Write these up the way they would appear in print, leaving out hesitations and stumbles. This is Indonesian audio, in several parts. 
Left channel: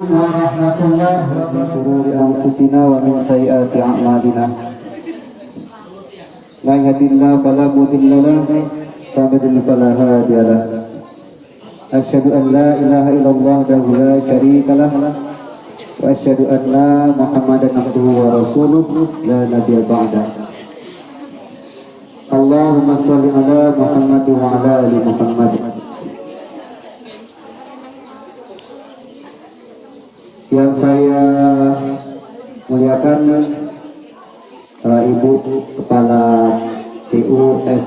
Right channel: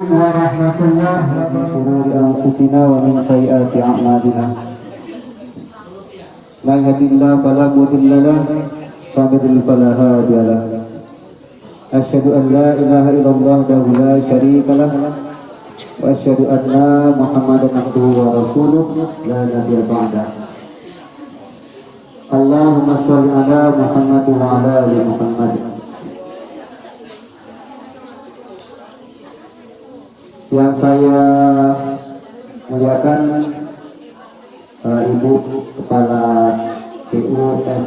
warahmatullahi wabarakatuh. Min syururi anfusina wa min sayyiati a'malina. May yahdihillahu fala mudilla lahu wa may yudlil fala hadiya lahu. Asyhadu an la ilaha illallah wahdahu la syarika lah wa asyhadu anna Muhammadan abduhu wa rasuluh la nabiyya ba'da. Allahumma shalli ala Muhammad wa ala ali Muhammad. Yang saya muliakan Ibu Kepala TUS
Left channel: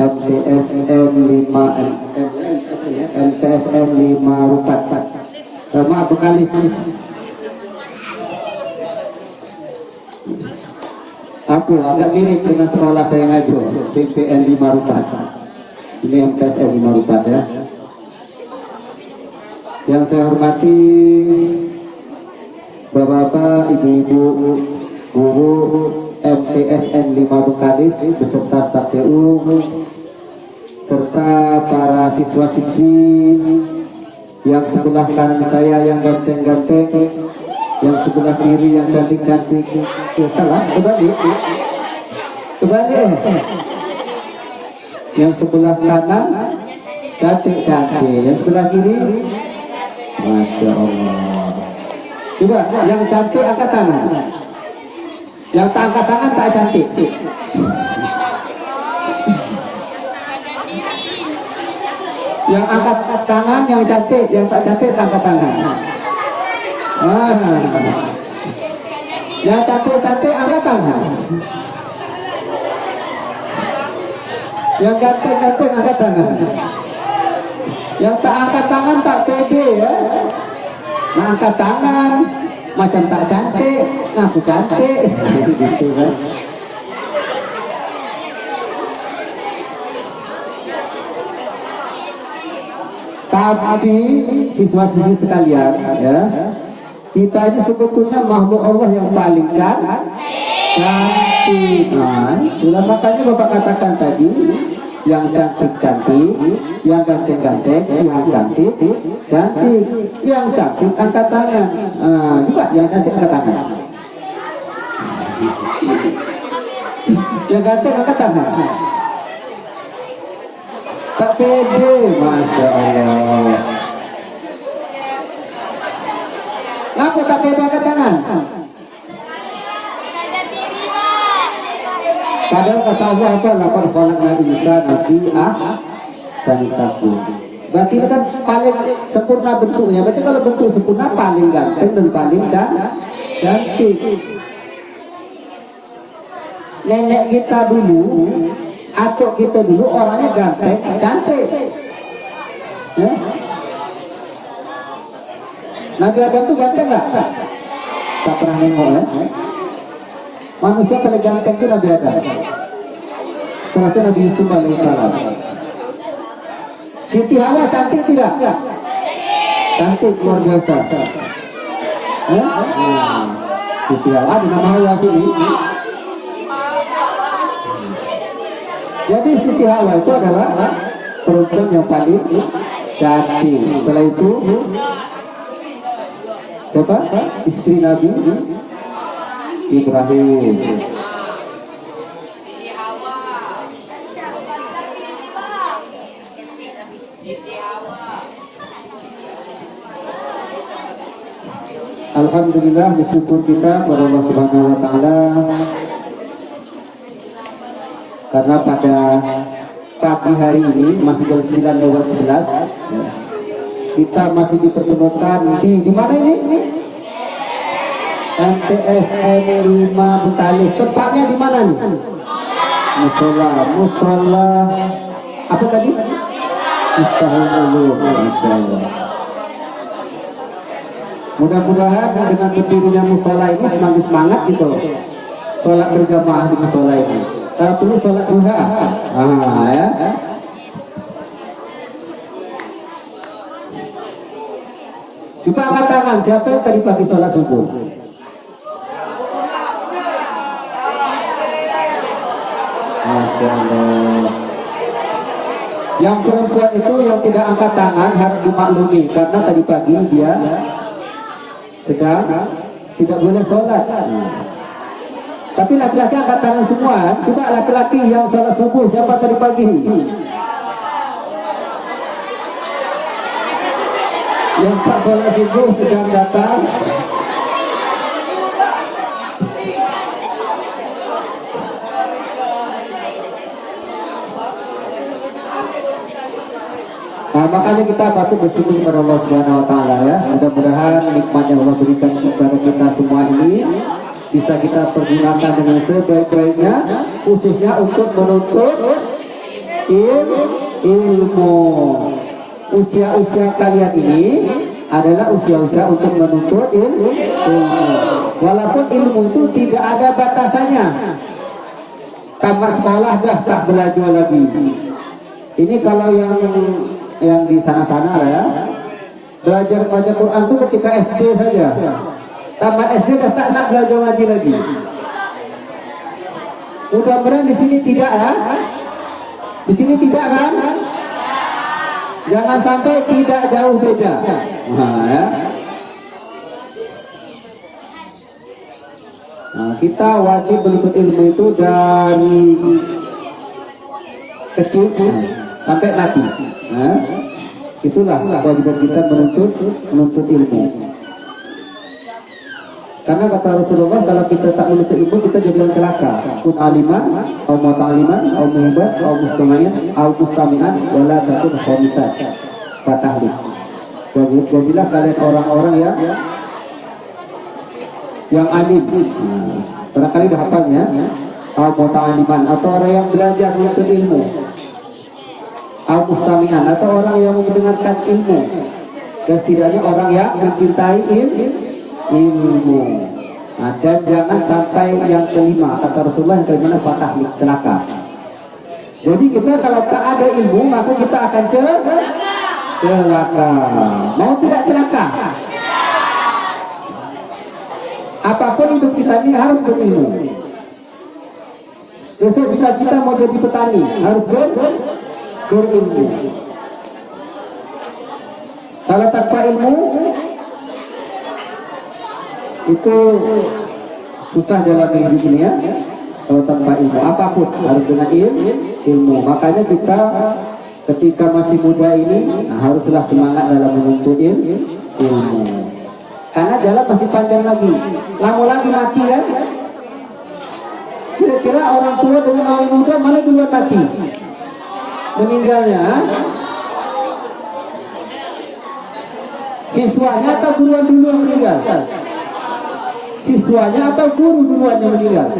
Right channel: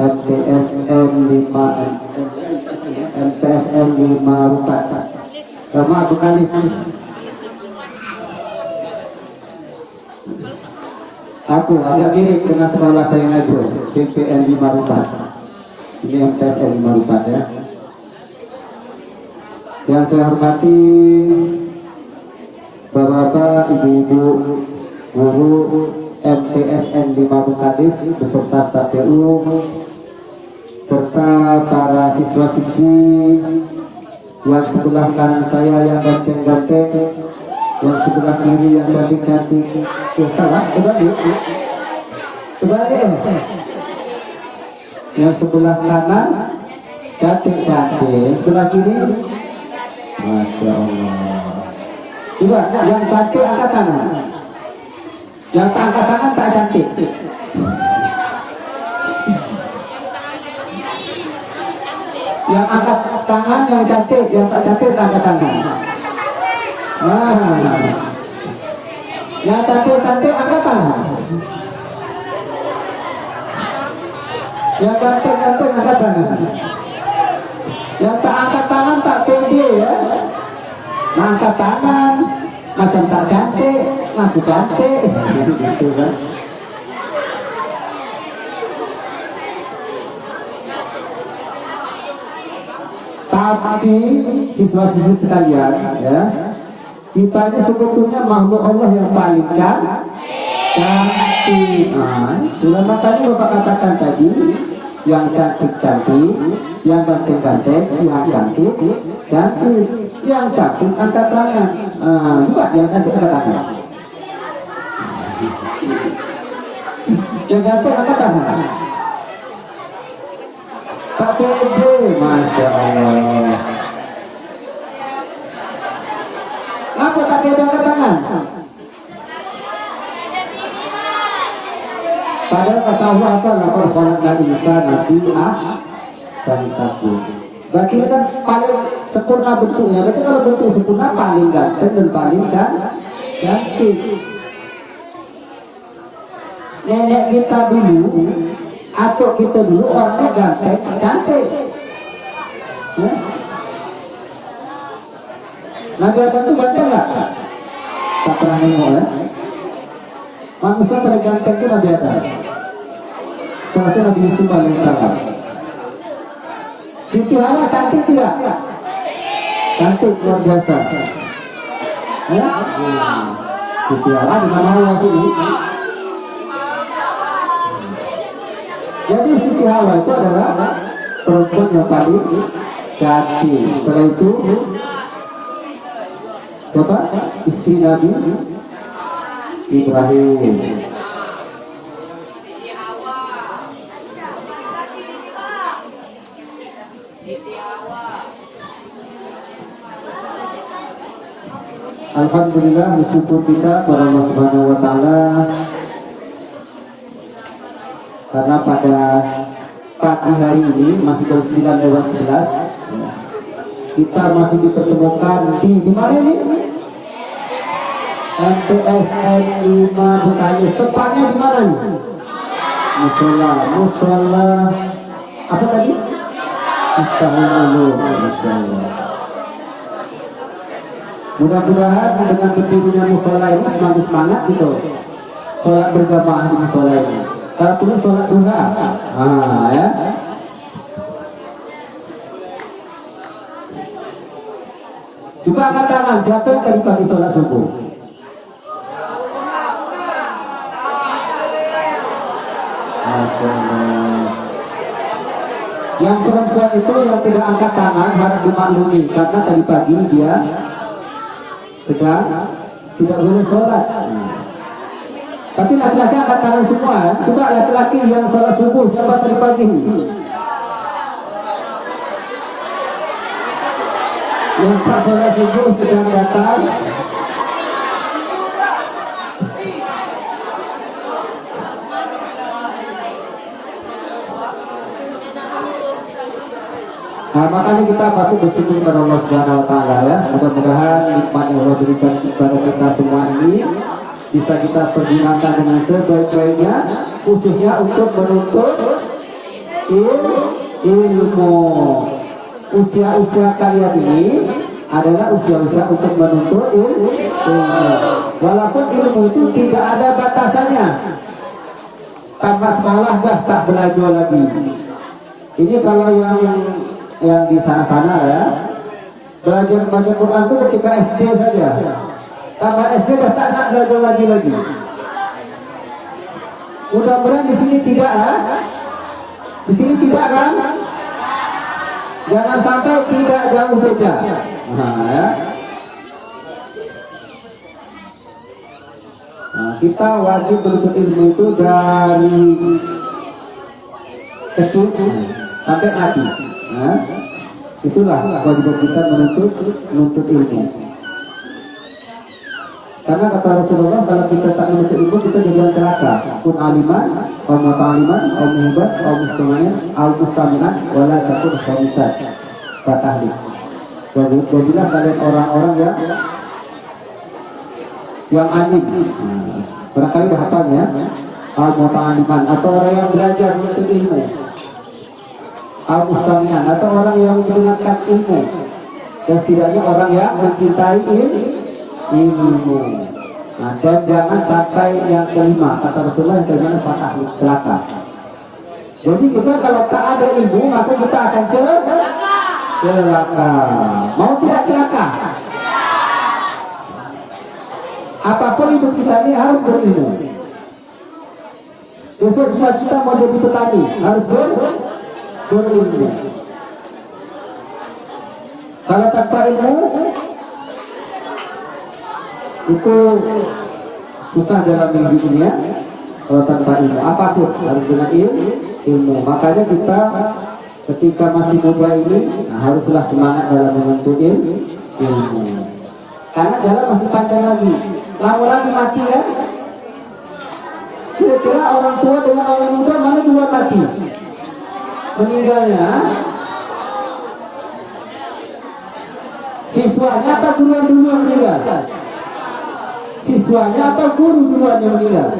MTSM 5 Rukat Rama Bukalis. Aku agak mirip dengan sekolah saya ngajar CPN 5 Rukat. Ini MTSM 5 Rukat ya. Yang saya hormati Bapak-bapak, ibu-ibu, guru MTSN 5 Bukalis beserta staf TU, serta para siswa-siswi yang sebelah kanan saya yang ganteng-ganteng, yang sebelah kiri yang cantik-cantik. Ya salah, kebalik. Yang sebelah kanan cantik-cantik, yang sebelah kiri, Masya Allah. Coba yang cantik angkat tangan. Yang tak angkat tangan tak cantik. Yang angkat tangan yang cantik, yang tak cantik tak angkat tangan. Yang cantik-cantik angkat tangan. Yang cantik-cantik angkat tangan. Yang tak angkat tangan tak pede ya. Nah, angkat tangan macam tak cantik, ngaku cantik, gitu kan. Tapi siswa-siswi sekalian ya, kita ini sebetulnya makhluk Allah yang paling cantik. Sudah makanya Bapak katakan tadi, yang cantik-cantik, yang ganteng-ganteng, yang cantik, yang cantik angkat tangan. Juga yang cantik angkat tangan. Yang ganteng angkat tangan. Tak pede, Masya Allah. Apa tak pede angkat tangan? Padahal kata Allah apa? Lapor falakna insan nabi sanitaku. Berarti kan paling sempurna bentuknya. Berarti kalau bentuk sempurna paling ganteng dan paling cantik. Nenek kita dulu, atuk kita dulu orangnya ganteng, cantik. Ya? Nabi Adam itu ganteng nggak? Tak pernah nengok ya. Manusia paling ganteng itu Nabi Adam. Setelah Nabi Yusuf alaihissalam. Siti Hawa cantik tidak? Cantik luar biasa. Ya? Siti Hawa dengan Hawa sini. Jadi Siti Hawa itu adalah perempuan yang paling cantik. Setelah itu siapa? Istri Nabi Ibrahim. Alhamdulillah, bersyukur kita kepada Allah Subhanahu wa taala karena pada pagi hari ini masih jam 9:11 kita masih dipertemukan di mana ini? MTSN 5 Bukalis. Tempatnya di mana nih? Musola apa tadi? Miftahul Ulum, insyaallah. Mudah-mudahan dengan berdirinya musola ini semakin semangat gitu. Sholat berjamaah di musola ini. Kalau perlu sholat duha. Ya. Coba angkat tangan siapa yang tadi pagi sholat subuh? Masya Allah. Yang perempuan itu yang tidak angkat tangan harus dimaklumi karena tadi pagi dia sedang tidak boleh sholat. Tapi laki-laki angkat tangan semua. Coba laki-laki yang sholat subuh siapa tadi pagi? Yang tak sholat subuh sedang datang. Nah, makanya kita patut bersyukur kepada Allah Subhanahu wa taala ya. Mudah-mudahan nikmat yang Allah berikan kepada kita semua ini bisa kita pergunakan dengan sebaik-baiknya, khususnya untuk menuntut ilmu. Usia-usia kalian ini adalah usia-usia untuk menuntut ilmu. Walaupun ilmu itu tidak ada batasannya. Tamat sekolah dah tak belajar lagi. Ini kalau yang di sana-sana ya, belajar baca Quran itu ketika SD saja. Tamat SD dah tak nak belajar lagi. Mudah-mudahan di sini tidak ya. Di sini tidak kan? Jangan sampai tidak jauh beda. Nah, ya. Nah, kita wajib menuntut ilmu itu dari kecil sampai mati. Nah, itulah kewajiban kita menuntut ilmu. Karena kata Rasulullah, kalau kita tak menuntut ilmu, kita jadi orang celaka. Kun aliman, au muta'aliman, au muhibat, au mustami'an, au mustami'an, wala takun khamisat. Fatahli. Jadilah kalian orang-orang yang alim. Barangkali dah hafalnya, au muta'aliman, atau orang yang belajar menuntut ilmu. Au mustami'an, atau orang yang mendengarkan ilmu. Dan setidaknya orang yang mencintai ilmu. Nah, dan jangan sampai yang kelima, kata Rasulullah, yang kelima patah celaka. Jadi kita kalau tak ada ilmu, maka kita akan celaka. Mau tidak celaka? Apapun hidup kita ini harus berilmu. Besok bisa kita mau jadi petani, harus berilmu. Kalau tanpa ilmu itu susah dalam hidup ini ya. Kalau tanpa ilmu apapun harus dengan ilmu. Makanya kita ketika masih muda ini haruslah semangat dalam menuntut ilmu. Karena jalan masih panjang lagi. Lama lagi mati kan? Kira-kira orang tua dengan orang muda mana duluan mati? Meninggalnya? Siswanya atau duluan meninggal? Siswanya atau guru duluan yang meninggal?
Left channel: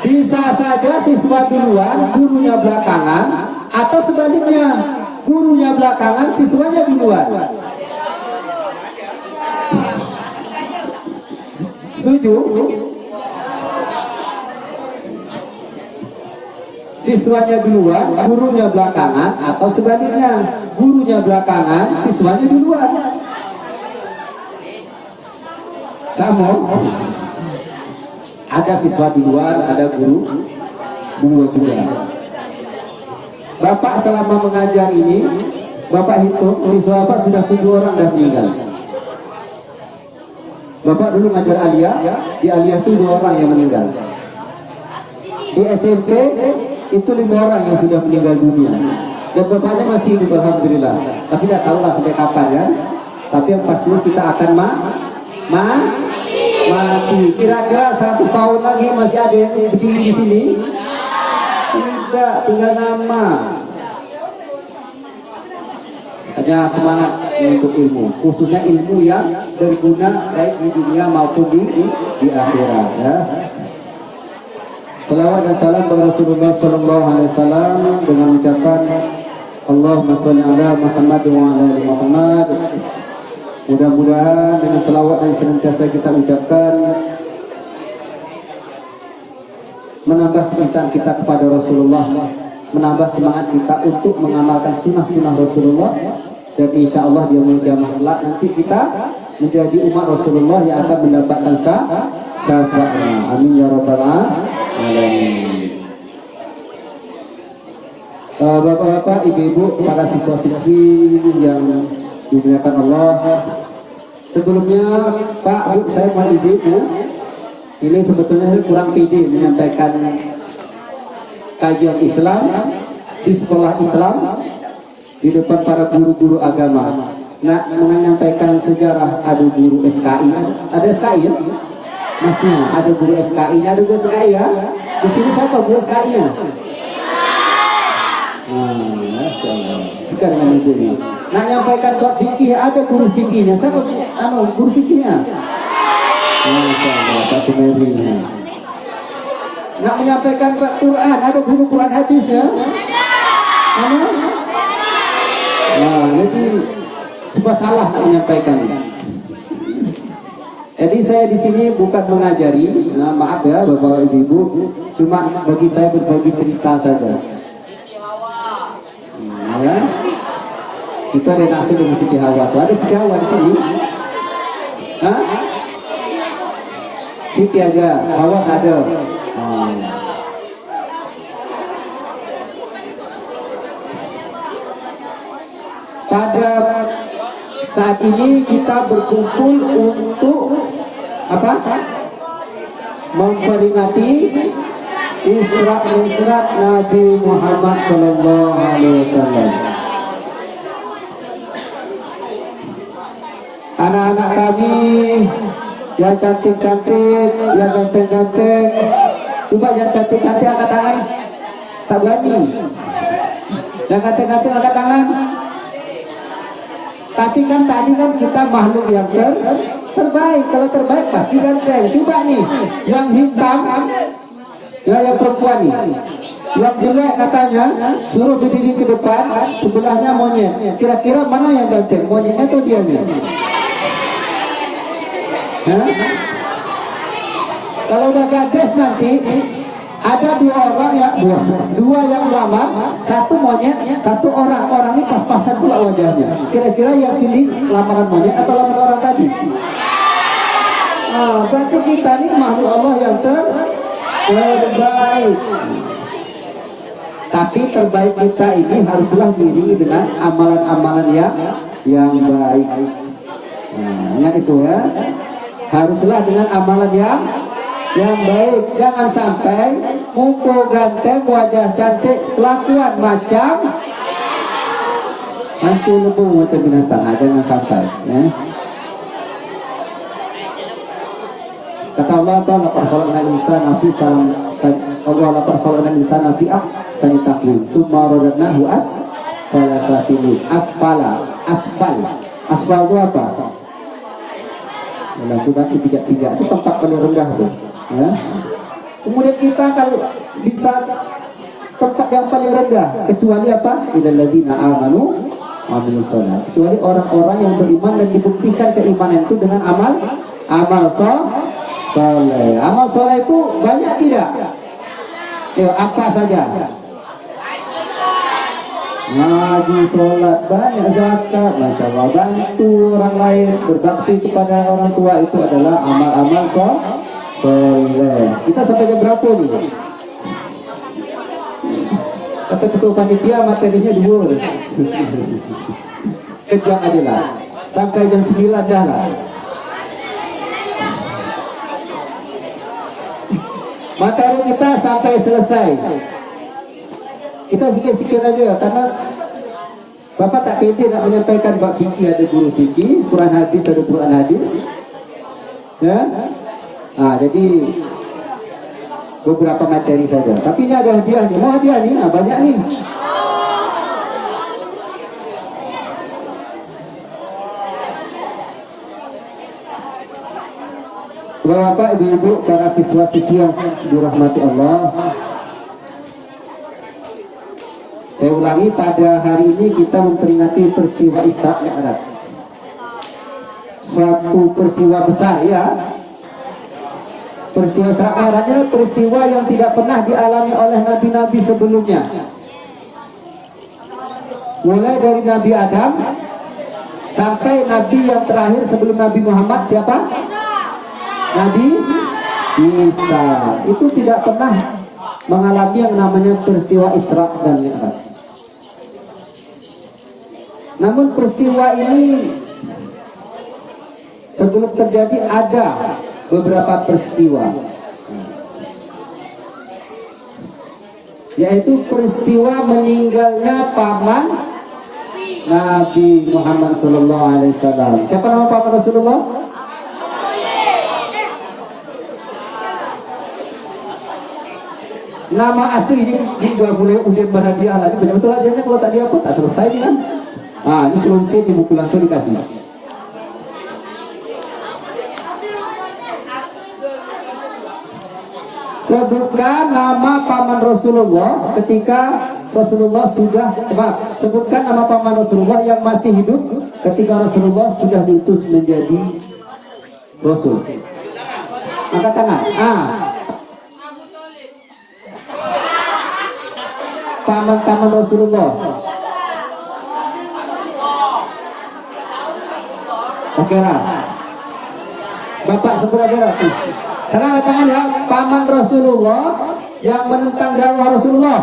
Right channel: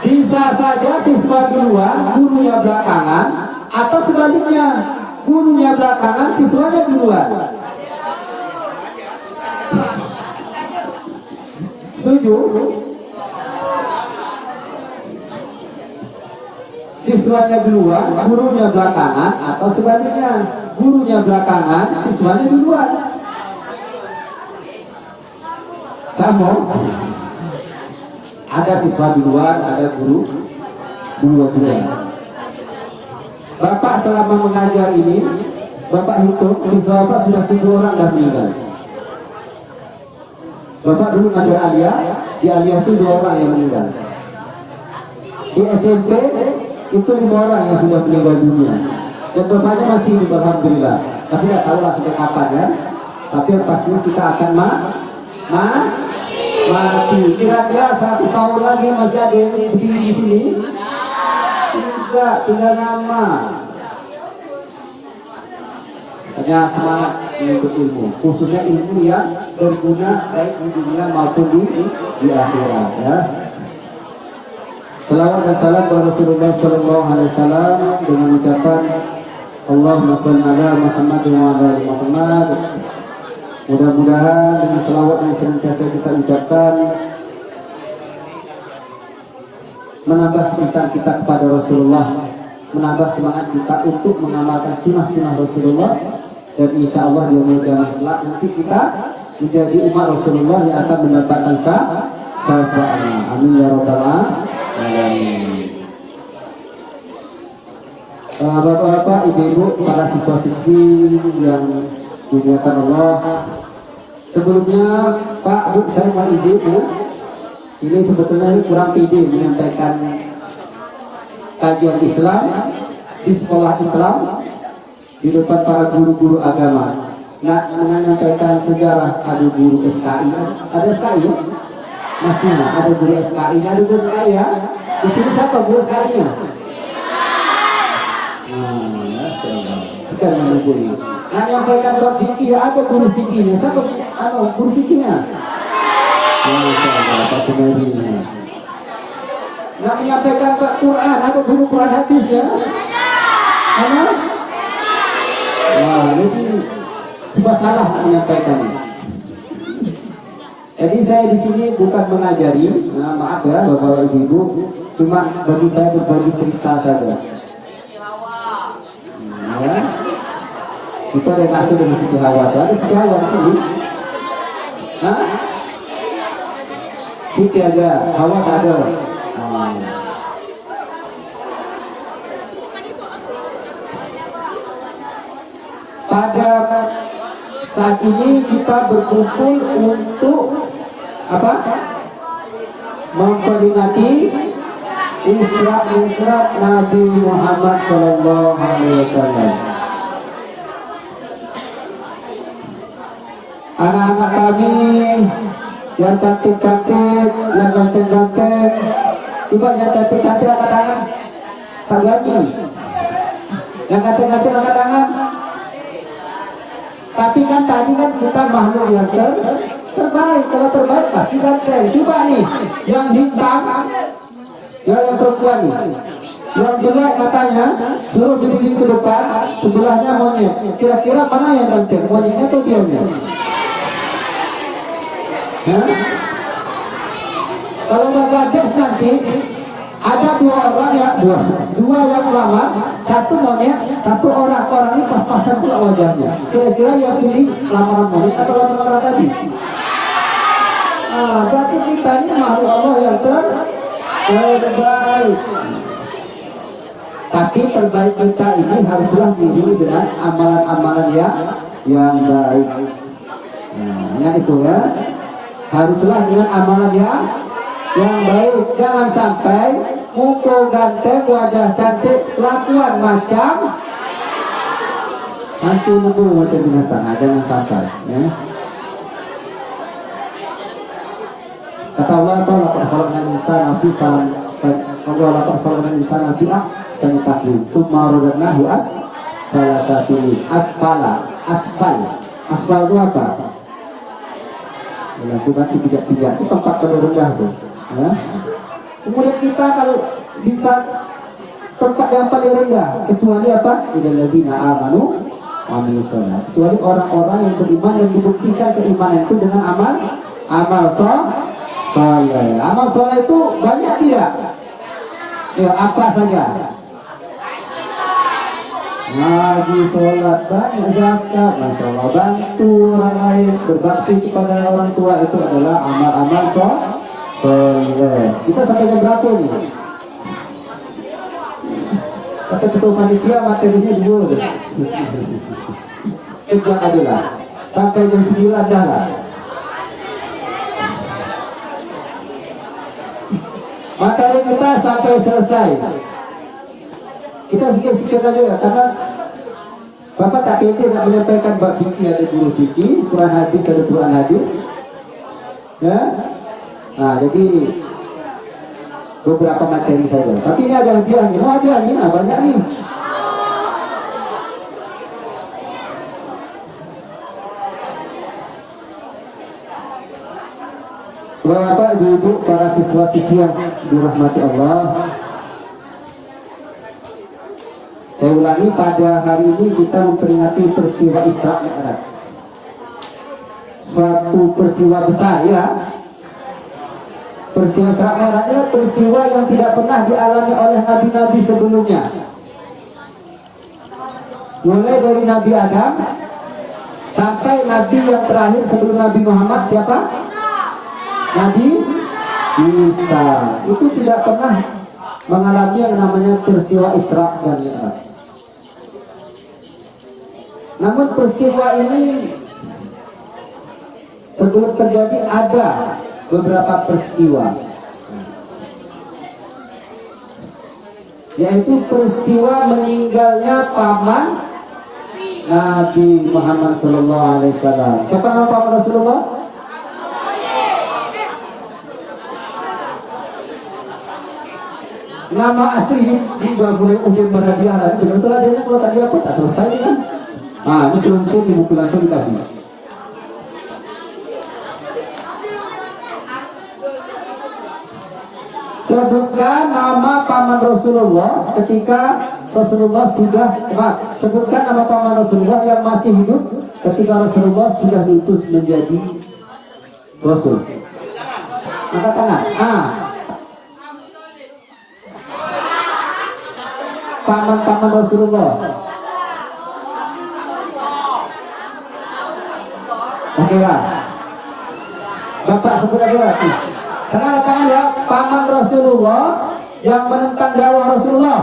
Bisa saja siswa duluan, gurunya belakangan, atau sebaliknya, gurunya belakangan, siswanya duluan. Setuju? Siswanya duluan, gurunya belakangan, atau sebaliknya, gurunya belakangan, siswanya duluan. Sama. Ada siswa duluan, ada guru duluan. Bapak selama mengajar ini, Bapak hitung siswa Bapak sudah 7 orang dah meninggal. Bapak dulu ngajar aliyah, di aliyah itu 2 orang yang meninggal. Di SMP itu 5 orang yang sudah meninggal dunia. Dan bapaknya masih hidup, alhamdulillah. Tapi tidak tahu lah sampai kapan ya. Tapi yang pastinya kita akan mati. Kira-kira 100 tahun lagi masih ada yang berdiri di sini? Tidak, tinggal nama. Hanya semangat menuntut ilmu, khususnya ilmu yang berguna baik di dunia maupun di akhirat ya. Salawat dan salam kepada Rasulullah Sallallahu Alaihi Wasallam dengan ucapan Allahumma sholli ala Muhammad wa ala ali Muhammad. Mudah-mudahan dengan selawat yang senantiasa kita ucapkan menambah kecintaan kita kepada Rasulullah, menambah semangat kita untuk mengamalkan sunnah-sunnah Rasulullah, dan insya Allah di yaumul qiyamah nanti kita menjadi umat Rasulullah yang akan mendapatkan syafaatna. Amin ya rabbal alamin. Bapak-bapak, ibu-ibu, para siswa-siswi yang dimuliakan Allah. Sebelumnya Pak, Bu, saya mohon izin ya. Ini sebetulnya kurang pede menyampaikan kajian Islam di sekolah Islam di depan para guru-guru agama. Nah, menyampaikan sejarah ada guru SKI, ada SKI ya? Masih ada guru SKI, ada guru SKI ya? Di sini siapa guru SKI-nya? Sekarang menjadi. Nah, nyampaikan bab fikih, ada guru fikihnya. Siapa guru fikihnya? Pak Sumerinya. Nah, menyampaikan bab Quran, ada guru Quran hadisnya? Ada? Nah, jadi cuma salah menyampaikan. Jadi saya di sini bukan mengajari, nah, maaf ya Bapak Ibu, cuma bagi saya berbagi cerita saja. Ya. Itu ada nasi dengan Siti Hawa. Ada Siti Hawa di sini. Hah? Siti ada, Hawa tak ada. Pada saat ini kita berkumpul untuk apa? Memperingati Isra Mi'raj Nabi Muhammad Sallallahu Alaihi Wasallam. Anak-anak kami yang cantik-cantik, yang ganteng-ganteng, coba yang cantik-cantik angkat tangan. Tak berani. Yang ganteng-ganteng angkat tangan. Tapi kan tadi kan kita makhluk yang terbaik. Kalau terbaik pasti ganteng. Coba nih, yang hitam. Ya, yang perempuan nih, yang jelek katanya suruh berdiri ke depan, sebelahnya monyet. Kira-kira mana yang ganteng, monyetnya atau dia nih? Kalau nggak gadis nanti ada dua yang melamar, satu monyet, satu orang. Orang ini pas-pasan pula wajahnya. Kira-kira yang pilih lamaran monyet atau lamaran orang tadi? Berarti kita ini makhluk Allah yang terbaik. Tapi terbaik kita ini haruslah diiringi dengan amalan-amalan yang baik. Nah, itu ya. Haruslah dengan amalan yang baik. Jangan sampai muka ganteng, wajah cantik, kelakuan macam hantu lebu macam binatang. Jangan sampai. Ya. Kata Allah, "Laqad khalaqnal insana fi ahsani tsumma radadnahu asfal itu apa? Itu nanti pijak-pijak itu tempat paling rendah tuh. Ya. Kemudian kita kalau bisa tempat yang paling rendah, kecuali apa? Illal ladzina amanu wa amilus shalah. Kecuali orang-orang yang beriman dan dibuktikan keimanan itu dengan amal soleh. Amal soleh itu banyak tidak? Apa saja? Ngaji, sholat, banyak zakat, masya Allah, bantu orang lain, berbakti kepada orang tua, itu adalah amal-amal soleh. Kita sampai jam berapa nih? Kata ketua panitia materinya dua. Kejar aja lah, sampai jam 9 dah lah. Materi kita sampai selesai. Kita sikit-sikit saja, karena Bapak tak pede nak menyampaikan bab fikih, ada guru fikih, Quran hadis ada Quran hadis. Ya. Nah, jadi beberapa materi saja. Tapi ini ada hadiah nih. Mau hadiah nih, banyak nih. Bapak, ibu-ibu, para siswa-siswi yang dirahmati Allah, saya ulangi, pada hari ini kita memperingati peristiwa Isra Mi'raj. Suatu peristiwa besar ya. Peristiwa Isra Mi'raj adalah peristiwa yang tidak pernah dialami oleh nabi-nabi sebelumnya. Mulai dari Nabi Adam sampai nabi yang terakhir sebelum Nabi Muhammad, siapa? Nabi Bisa. Itu tidak pernah mengalami yang namanya peristiwa Isra dan Mi'raj. Namun peristiwa ini sebelum terjadi ada beberapa peristiwa, yaitu peristiwa meninggalnya paman Nabi Muhammad SAW. Siapa nama paman Rasulullah? Nama asli di dua boleh Udin Baradiah. Ini betul adanya kalau tadi apa tak selesai ini kan? Nah, ini selesai di buku langsung dikasih. Sebutkan nama paman Rasulullah ketika Rasulullah sudah, sebutkan nama paman Rasulullah yang masih hidup ketika Rasulullah sudah diutus menjadi Rasul. Angkat tangan. Paman Rasulullah. Oke lah. Bapak sebut aja. Karena tangan ya, paman Rasulullah yang menentang dakwah Rasulullah.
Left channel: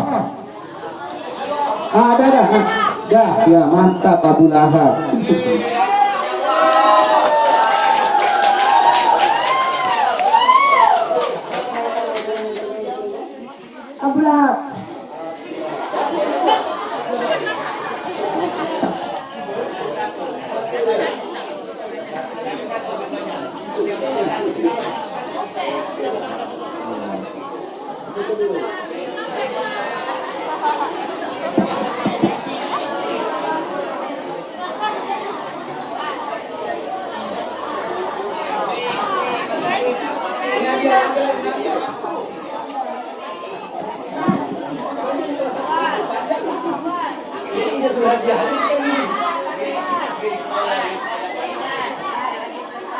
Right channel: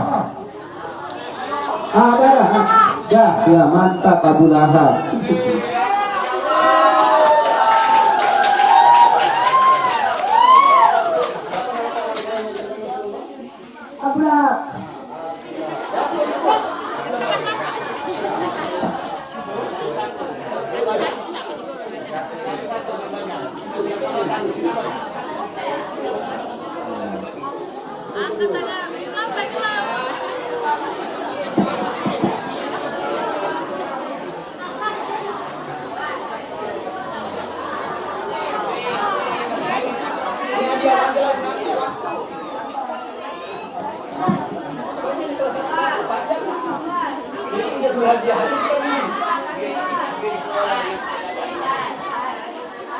Ada. Ya, mantap Abu Lahab. Abu Lahab.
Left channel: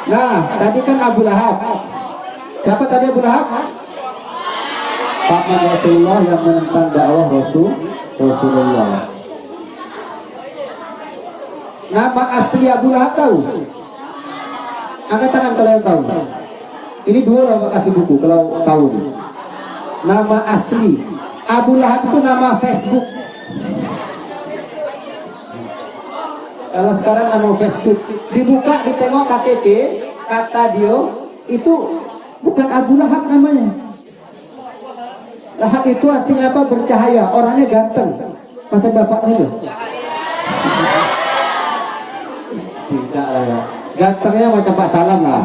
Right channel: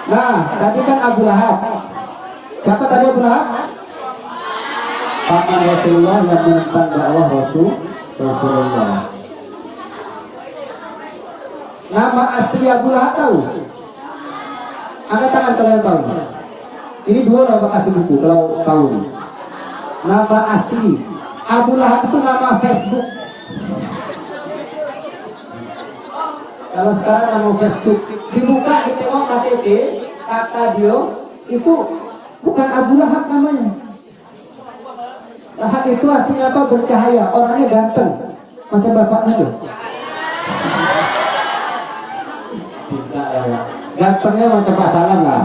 Nah, tadi kan Abu Lahab. Siapa tadi Abu Lahab? Paman Rasulullah yang menentang dakwah Rasulullah. Nama asli Abu Lahab tahu? Angkat tangan kalau yang tahu. Ini dua lah kasih buku kalau tahu. Nama asli Abu Lahab itu nama Facebook. Kalau sekarang nama Facebook dibuka, ditengok KTP, kata dia itu bukan Abu Lahab namanya. Lahab itu artinya apa? Bercahaya. Orangnya ganteng macam bapaknya tuh. Tidak lah. Gantengnya macam Pak Salam lah.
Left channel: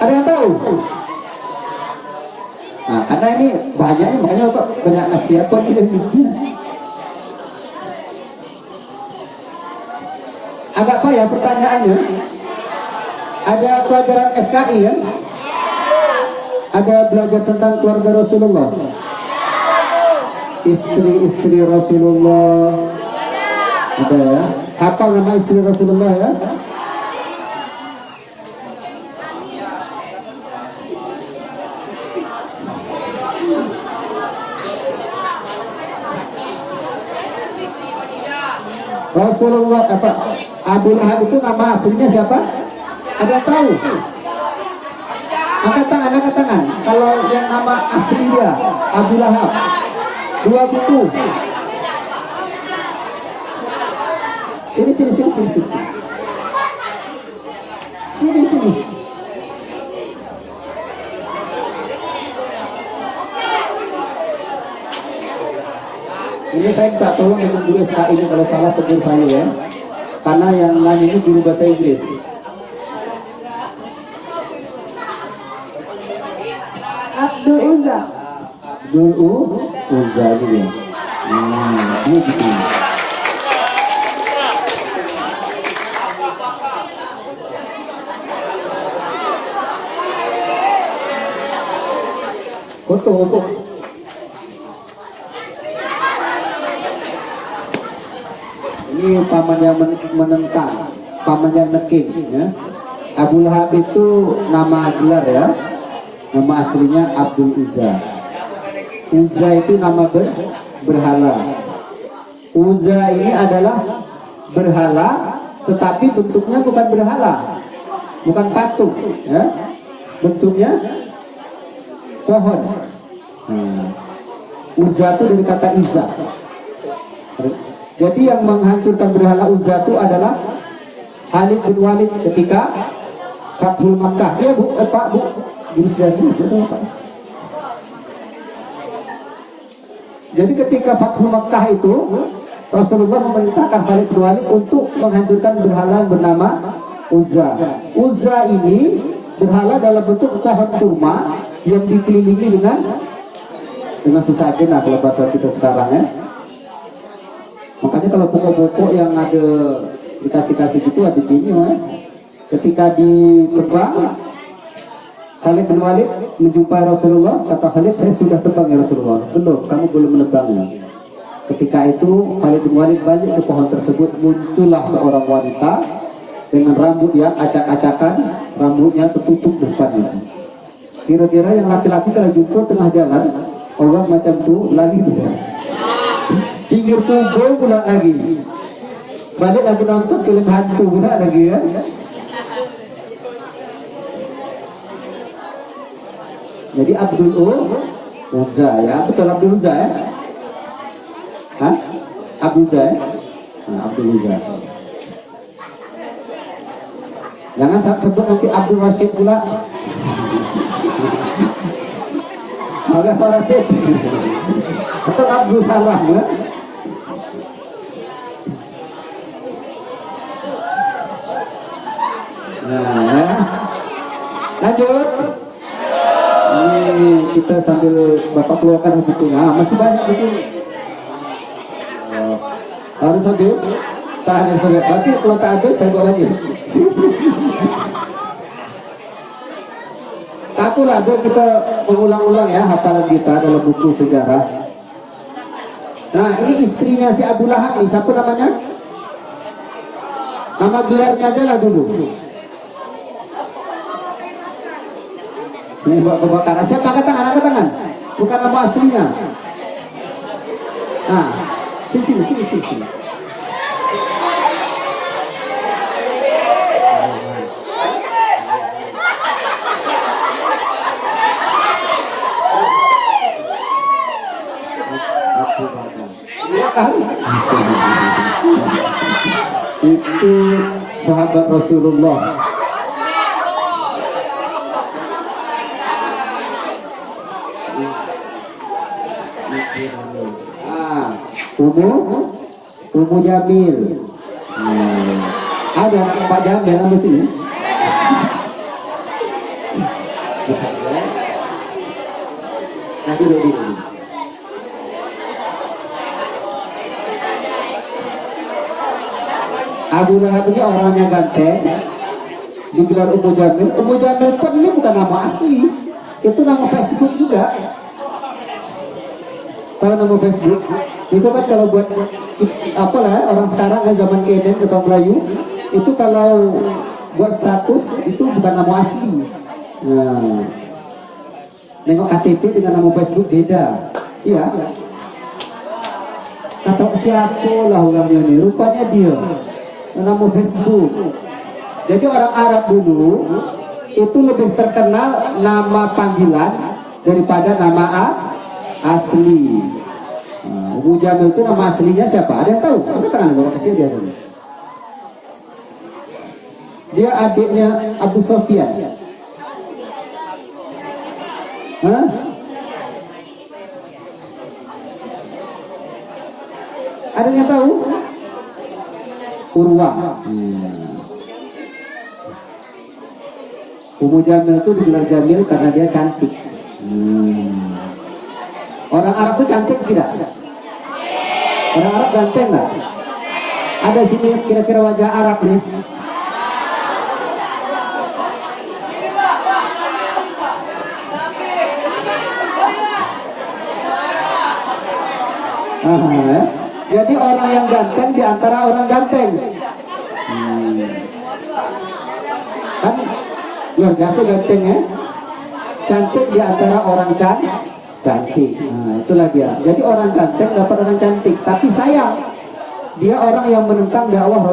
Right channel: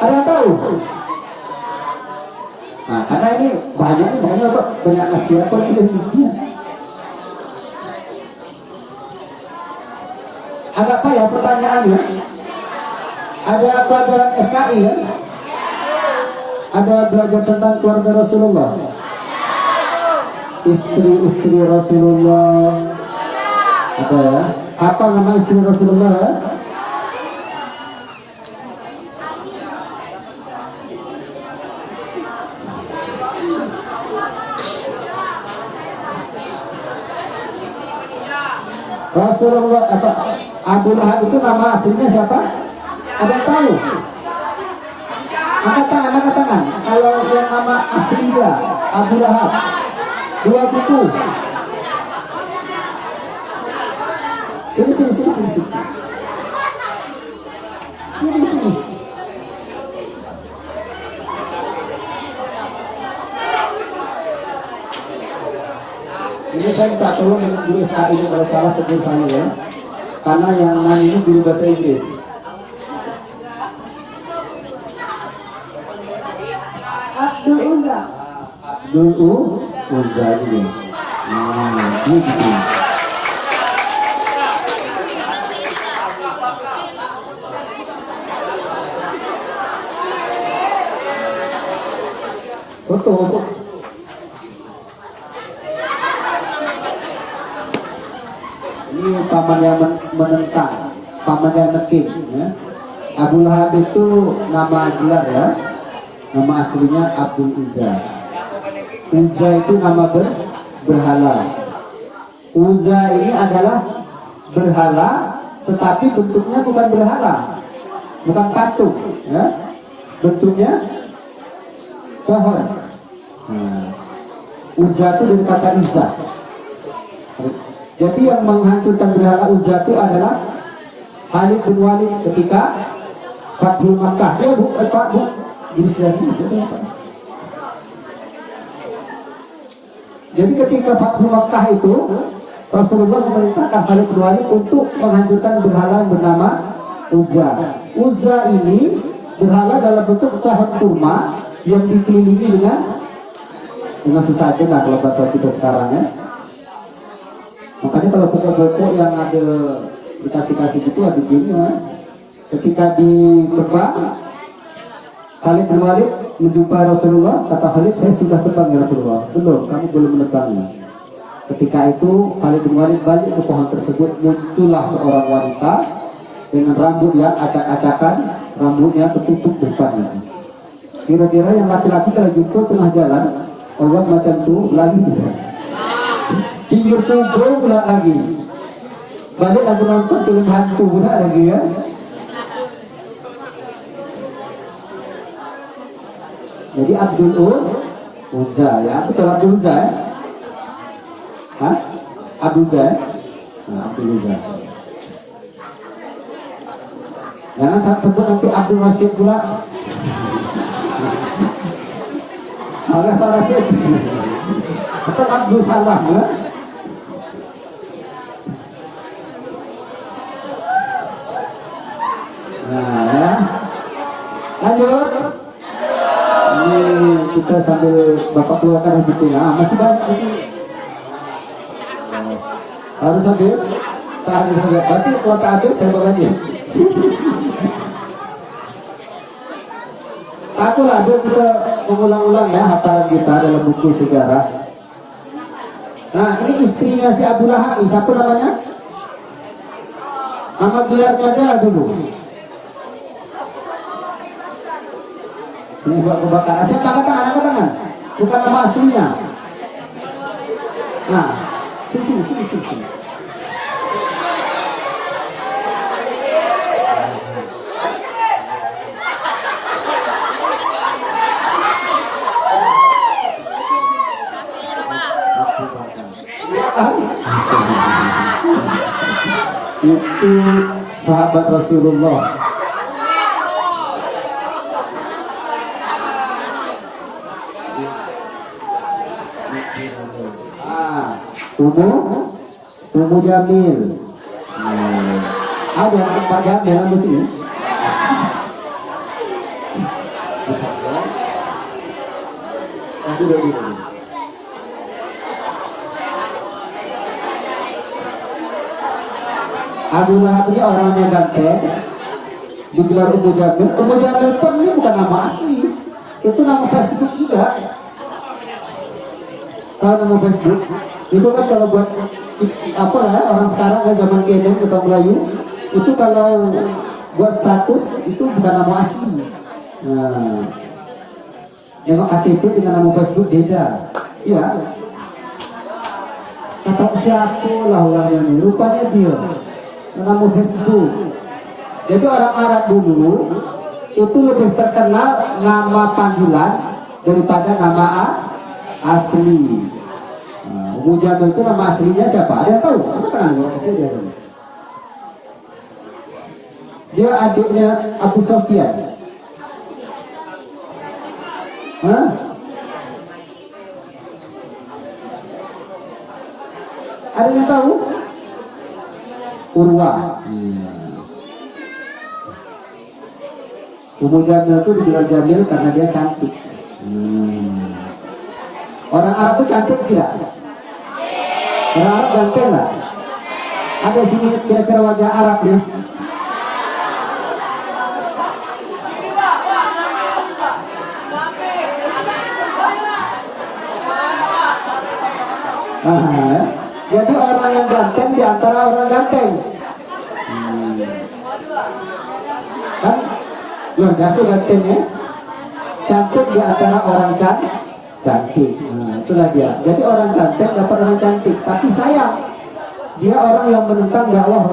Ada yang tahu? Nah, karena ini banyak nih, makanya Bapak banyak ngasih apa ilmunya. Agak apa ya pertanyaannya? Ada pelajaran SKI kan? Ada belajar tentang keluarga Rasulullah, istri-istri Rasulullah. Apa ya? Apa nama istri Rasulullah ya? Rasulullah apa? Abu Lahab itu nama aslinya siapa? Ada yang tahu? Angkat tangan. Kalau yang nama asli dia Abu Lahab, dua buku. Sini. Sini. Ini saya tak tahu dengan guru SKI ini, kalau salah tegur saya ya. Karena yang nanya ini guru bahasa Inggris. Abdul Uzza gitu ya. Ini gitu. Foto. Ini paman yang menentang, paman yang nekik ya. Abu Lahab itu nama gelar ya. Nama aslinya Abdul Uzza. Uzza itu nama berhala. Uzza ini adalah berhala tetapi bentuknya bukan berhala, bukan patung, ya. Bentuknya pohon. Uzza itu dari kata Izza. Jadi yang menghancurkan berhala Uzza itu adalah Khalid bin Walid ketika Fathul Makkah. Ya bu, Pak bu, jadi ketika Fathul Makkah itu Rasulullah memerintahkan Khalid bin Walid untuk menghancurkan berhala yang bernama Uzza. Uzza ini berhala dalam bentuk pohon kurma yang dikelilingi dengan sesajen lah kalau bahasa kita sekarang ya. Makanya kalau pokok-pokok yang ada dikasih-kasih gitu ada gini ya. Ketika ditebang, Khalid bin Walid menjumpai Rasulullah, kata Khalid, saya sudah tebang ya Rasulullah. Belum, kamu belum menebangnya. Ketika itu Khalid bin Walid balik ke pohon tersebut, muncullah seorang wanita dengan rambut yang acak-acakan, rambutnya tertutup depannya. Kira-kira yang laki-laki kalau jumpa tengah jalan, orang macam tu lari dia. Pinggir kubur pula lagi. Balik lagi nonton film hantu pula lagi ya. Jadi Abdul Uzza ya, betul Abdul Uzza ya? Hah? Abdul Uzza ya? Nah, Abdul Uzza. Jangan sebut nanti Abdul Rashid pula. Oleh Pak Rashid. Betul Abdul Salam ya? Nah ya. Lanjut. Kita sambil Bapak keluarkan begitu. Nah, masih banyak itu. Harus habis. Tak habis sampai. Nanti kalau tak habis saya bawa lagi. Akulah dulu kita mengulang-ulang ya hafalan kita dalam buku sejarah. Nah, ini istrinya si Abu Lahab. Siapa namanya? Nama gelarnya aja lah dulu. Ini buat kebakaran. Siapa angkat tangan? Angkat tangan. Bukan nama aslinya. Nah, sini. Itu sahabat Rasulullah. Ummu Jamil. Ada anak Pak Jamil di sini. Abu Lahab ini orangnya ganteng, digelar Ummu Jamil. Ummu Jamil pun ini bukan nama asli, itu nama Facebook juga. Tahu nama Facebook? Itu kan kalau buat apa ya orang sekarang kan zaman kenen ke Melayu itu kalau buat status itu bukan nama asli. Nah, nengok KTP dengan nama Facebook beda. Iya. Kata siapa lah orangnya ini? Rupanya dia. Nama Facebook. Jadi orang Arab dulu itu lebih terkenal nama panggilan daripada nama asli. Ummu Jamil itu nama aslinya siapa? Ada yang tahu? Apa tangan gue kasih dia dulu. Dia adiknya Abu Sofyan. Hah? Ada yang tahu? Urwa. Ummu Jamil itu dibilang Jamil karena dia cantik. Orang Arab itu cantik tidak? Orang Arab ganteng lah. Ada sini kira-kira wajah Arab nih. Jadi orang yang ganteng di antara orang ganteng. Kan luar biasa ganteng ya. Cantik di antara orang cantik. Nah, itulah dia. Jadi orang ganteng dapat orang cantik. Tapi sayang, dia orang yang menentang dakwah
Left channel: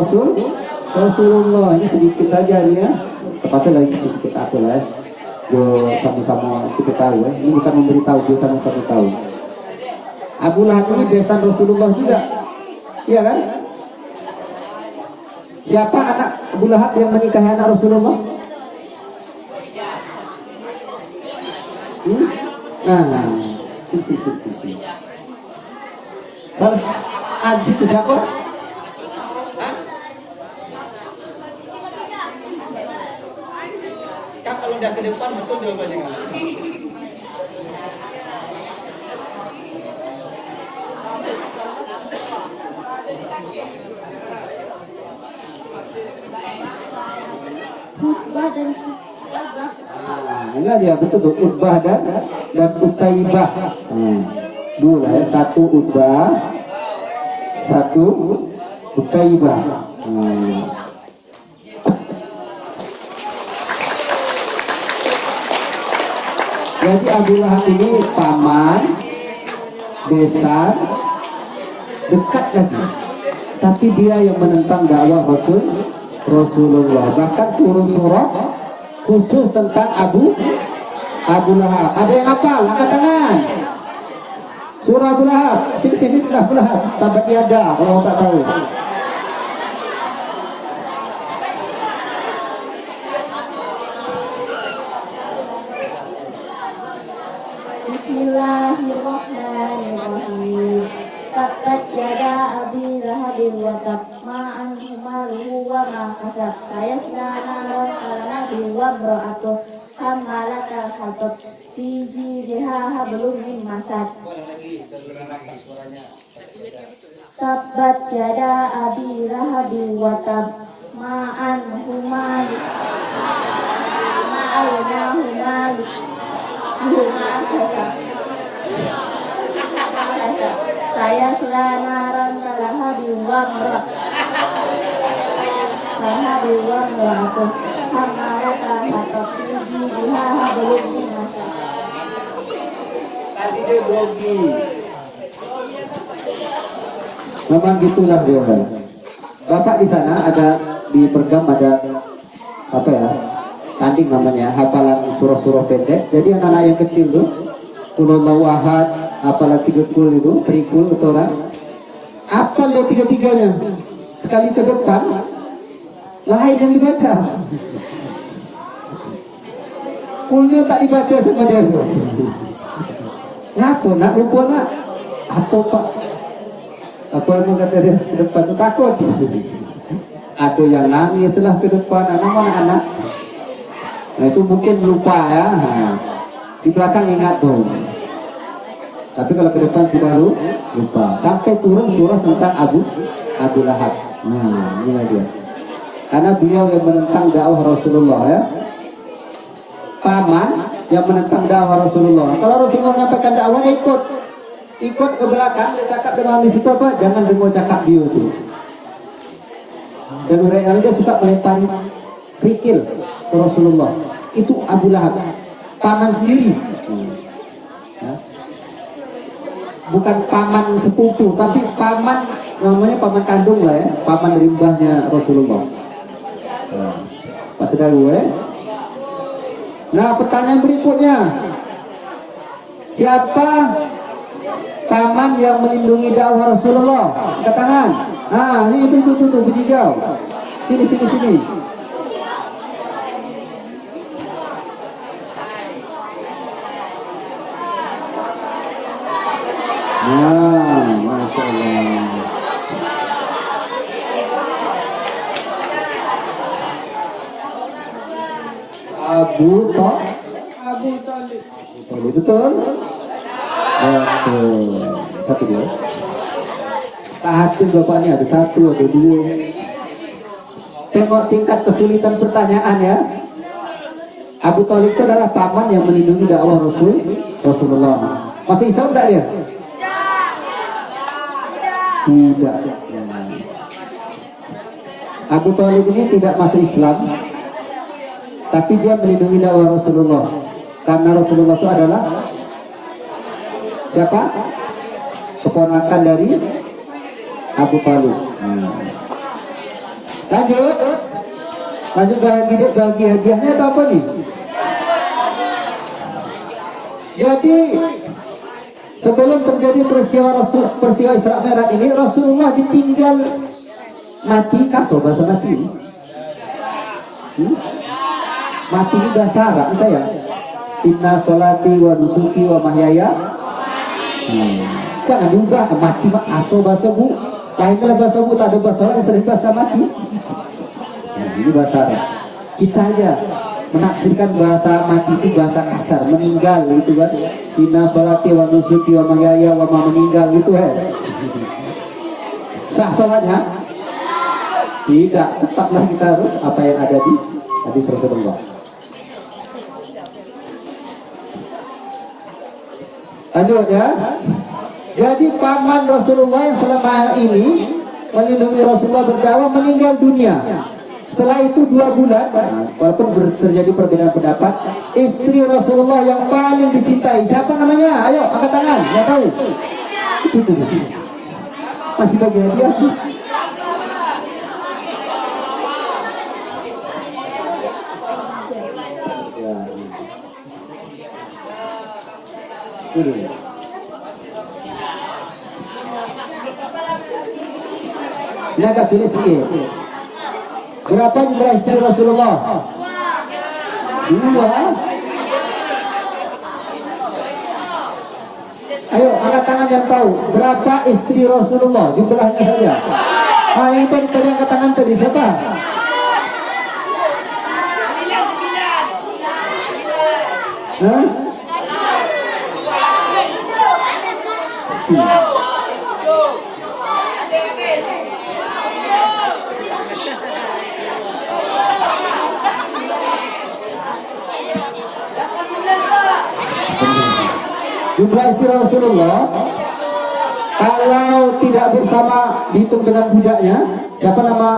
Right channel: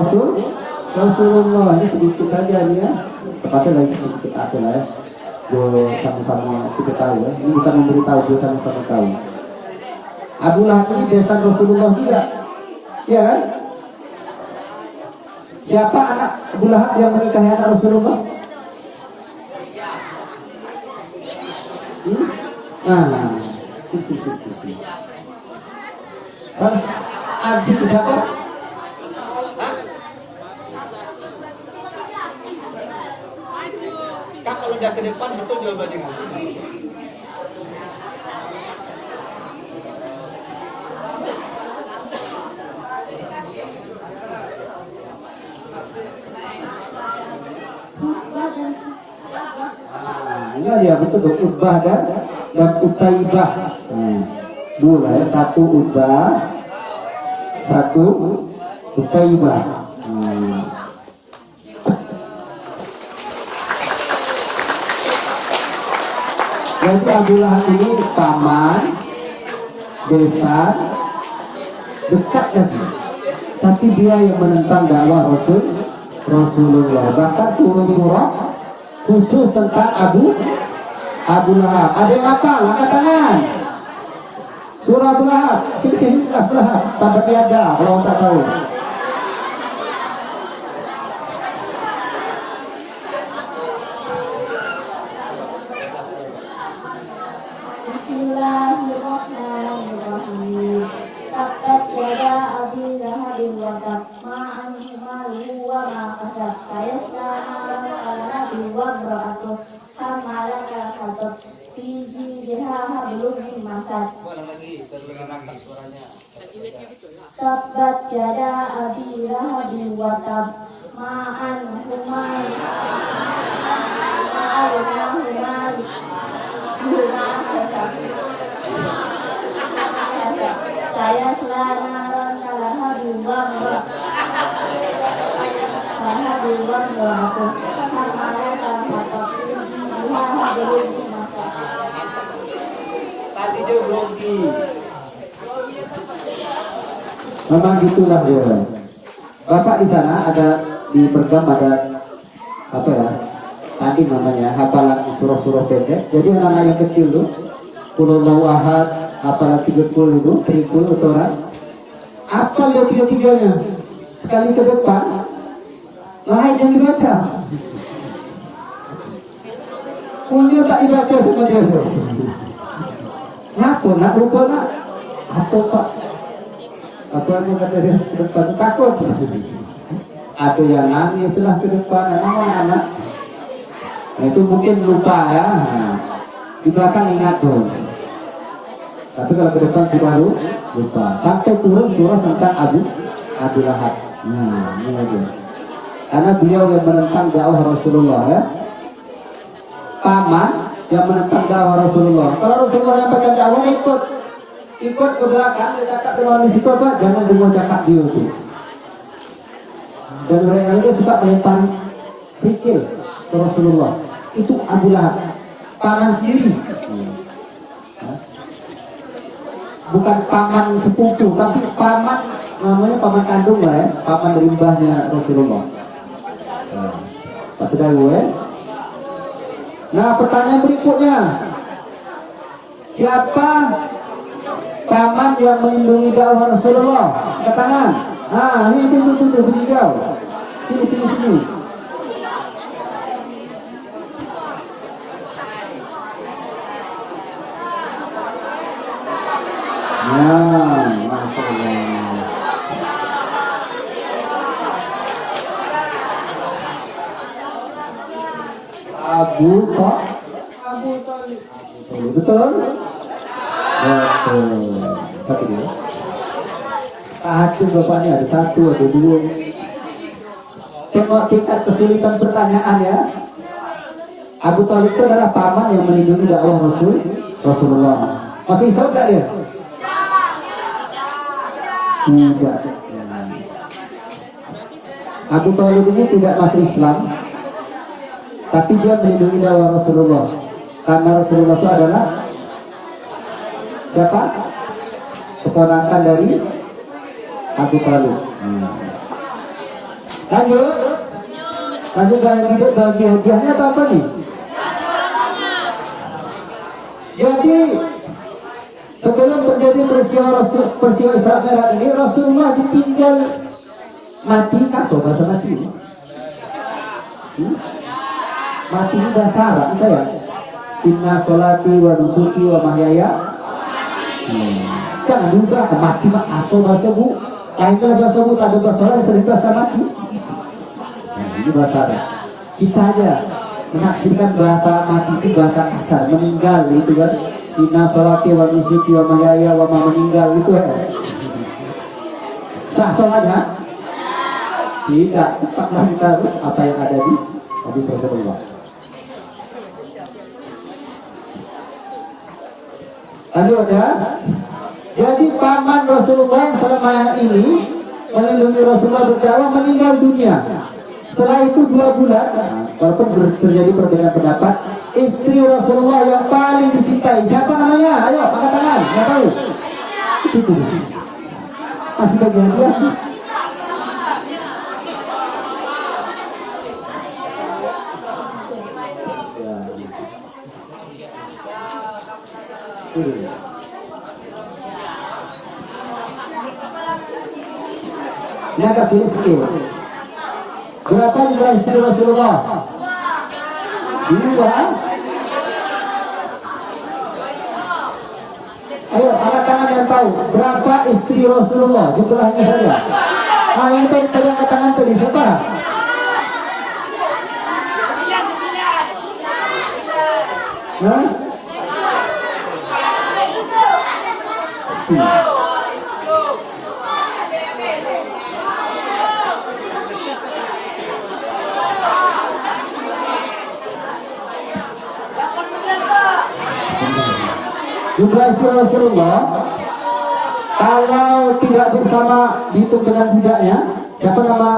Rasulullah ini sedikit saja nih ya. Tepatnya lagi sedikit aku lah ya. Sama-sama kita tahu ya. Ini bukan memberitahu, dia sama-sama tahu. Abu Lahab ini besan Rasulullah juga, iya kan? Siapa anak Abu Lahab yang menikahi anak Rasulullah? Nah, si. Salah. Aziz itu siapa? Kak, kalau udah ke depan betul jawabannya kan? Ini dia betul tuh Utbah dan Utaibah. Dua ya, satu Utbah, satu Utaibah. Jadi Abu Lahab ini paman, besan, dekat lagi. Tapi dia yang menentang dakwah Rasulullah. Bahkan turun surah khusus tentang Abu Lahab. Ada yang hafal? Angkat tangan. Surah Abu Lahab. Sini Abu Lahab. Tanpa tiada kalau tak tahu. Bismillahirrahmanirrahim. Tabbat yada abi lahabin wa tab ma anhu maluhu wa ma kasab sayasla naran ala nabi wa bra'atuh hamalatal hatab fi jidha hablum min masad. Tabbat yada abi lahabin wa tab ma anhu maluhu saya selanaran kalahabi wamra kalahabi wamra aku hamara kalahatab tinggi dihaha belum dimasa. Tadi dia grogi. Memang gitulah dia. Bapak di sana ada di Pergam ada apa ya? Tadi namanya hafalan surah-surah pendek. Jadi anak-anak yang kecil tuh, Qulullahu ahad, apalagi 30 itu, terikul atau orang, hafal ya tiga-tiganya. Sekali ke depan, lain yang dibaca. Kulnya tak dibaca sama dia. Ngapa? Nak lupa nak? Apa pak? Apa yang mau kata dia ke depan? Takut. Ada yang nangis lah ke depan. Anak-anak. Nah, itu mungkin lupa ya. Di belakang ingat tuh. Tapi kalau ke depan sudah lupa. Sampai turun surah tentang Abu Lahab. Nah, ini dia. Karena beliau yang menentang dakwah Rasulullah ya. Paman yang menentang dakwah Rasulullah. Kalau Rasulullah menyampaikan dakwah ikut ke belakang. Dia cakap dengan di situ apa? Jangan dengar cakap dia itu. Dan mereka dia suka melempari kerikil ke Rasulullah. Itu Abu Lahab, paman sendiri. Bukan paman sepupu, tapi paman, namanya paman kandung lah ya, paman dari mbahnya Rasulullah. Pas sudah gue. Nah, pertanyaan berikutnya, siapa paman yang melindungi dakwah Rasulullah? Angkat tangan. Nah, ini itu berhijau. Sini. Nah, Masya Allah. Abu Talib. Betul? Betul. Satu dia. Tahatin bapak ini ada satu, ada dua. Tengok tingkat kesulitan pertanyaan ya. Abu Talib itu adalah paman yang melindungi dakwah Rasulullah. Masih Islam tak dia? Tidak. Abu Talib ini tidak masuk Islam, tapi dia melindungi dakwah Rasulullah. Karena Rasulullah itu adalah siapa? Keponakan dari Abu Talib. Lanjut. Lanjut bagi hadiahnya atau apa nih? Jadi sebelum terjadi peristiwa Isra Mi'raj ini, Rasulullah ditinggal mati kaso bahasa mati. Mati ini bahasa Arab saya. Inna sholati wa nusuki wa mahyaya. Jangan juga mati mah aso bahasa bu. Lainnya bahasa bu, tak ada bahasa lain, sering bahasa mati. Ini bahasa Arab. Kita aja menafsirkan bahasa mati itu bahasa kasar, meninggal itu kan. Inna sholati wa nusuki wa mahyaya wa meninggal itu ya. Sah sholatnya? Tidak, tetaplah kita harus apa yang ada di hadis Rasulullah. Lanjut ya. Jadi paman Rasulullah yang selama ini melindungi Rasulullah berdakwah meninggal dunia. Setelah itu 2 bulan, walaupun terjadi perbedaan pendapat, istri Rasulullah yang paling dicintai, siapa namanya? Ayo, angkat tangan, yang tahu. Itu tuh. Masih bagi hadiah. Ini agak sulit sikit. Berapa jumlah istri Rasulullah? 2. Ayo, angkat tangan yang tahu. Berapa istri Rasulullah? Jumlahnya saja. Yang tadi angkat tangan tadi siapa? Hah? Jumlah istri Rasulullah kalau tidak bersama dihitung dengan budaknya, siapa nama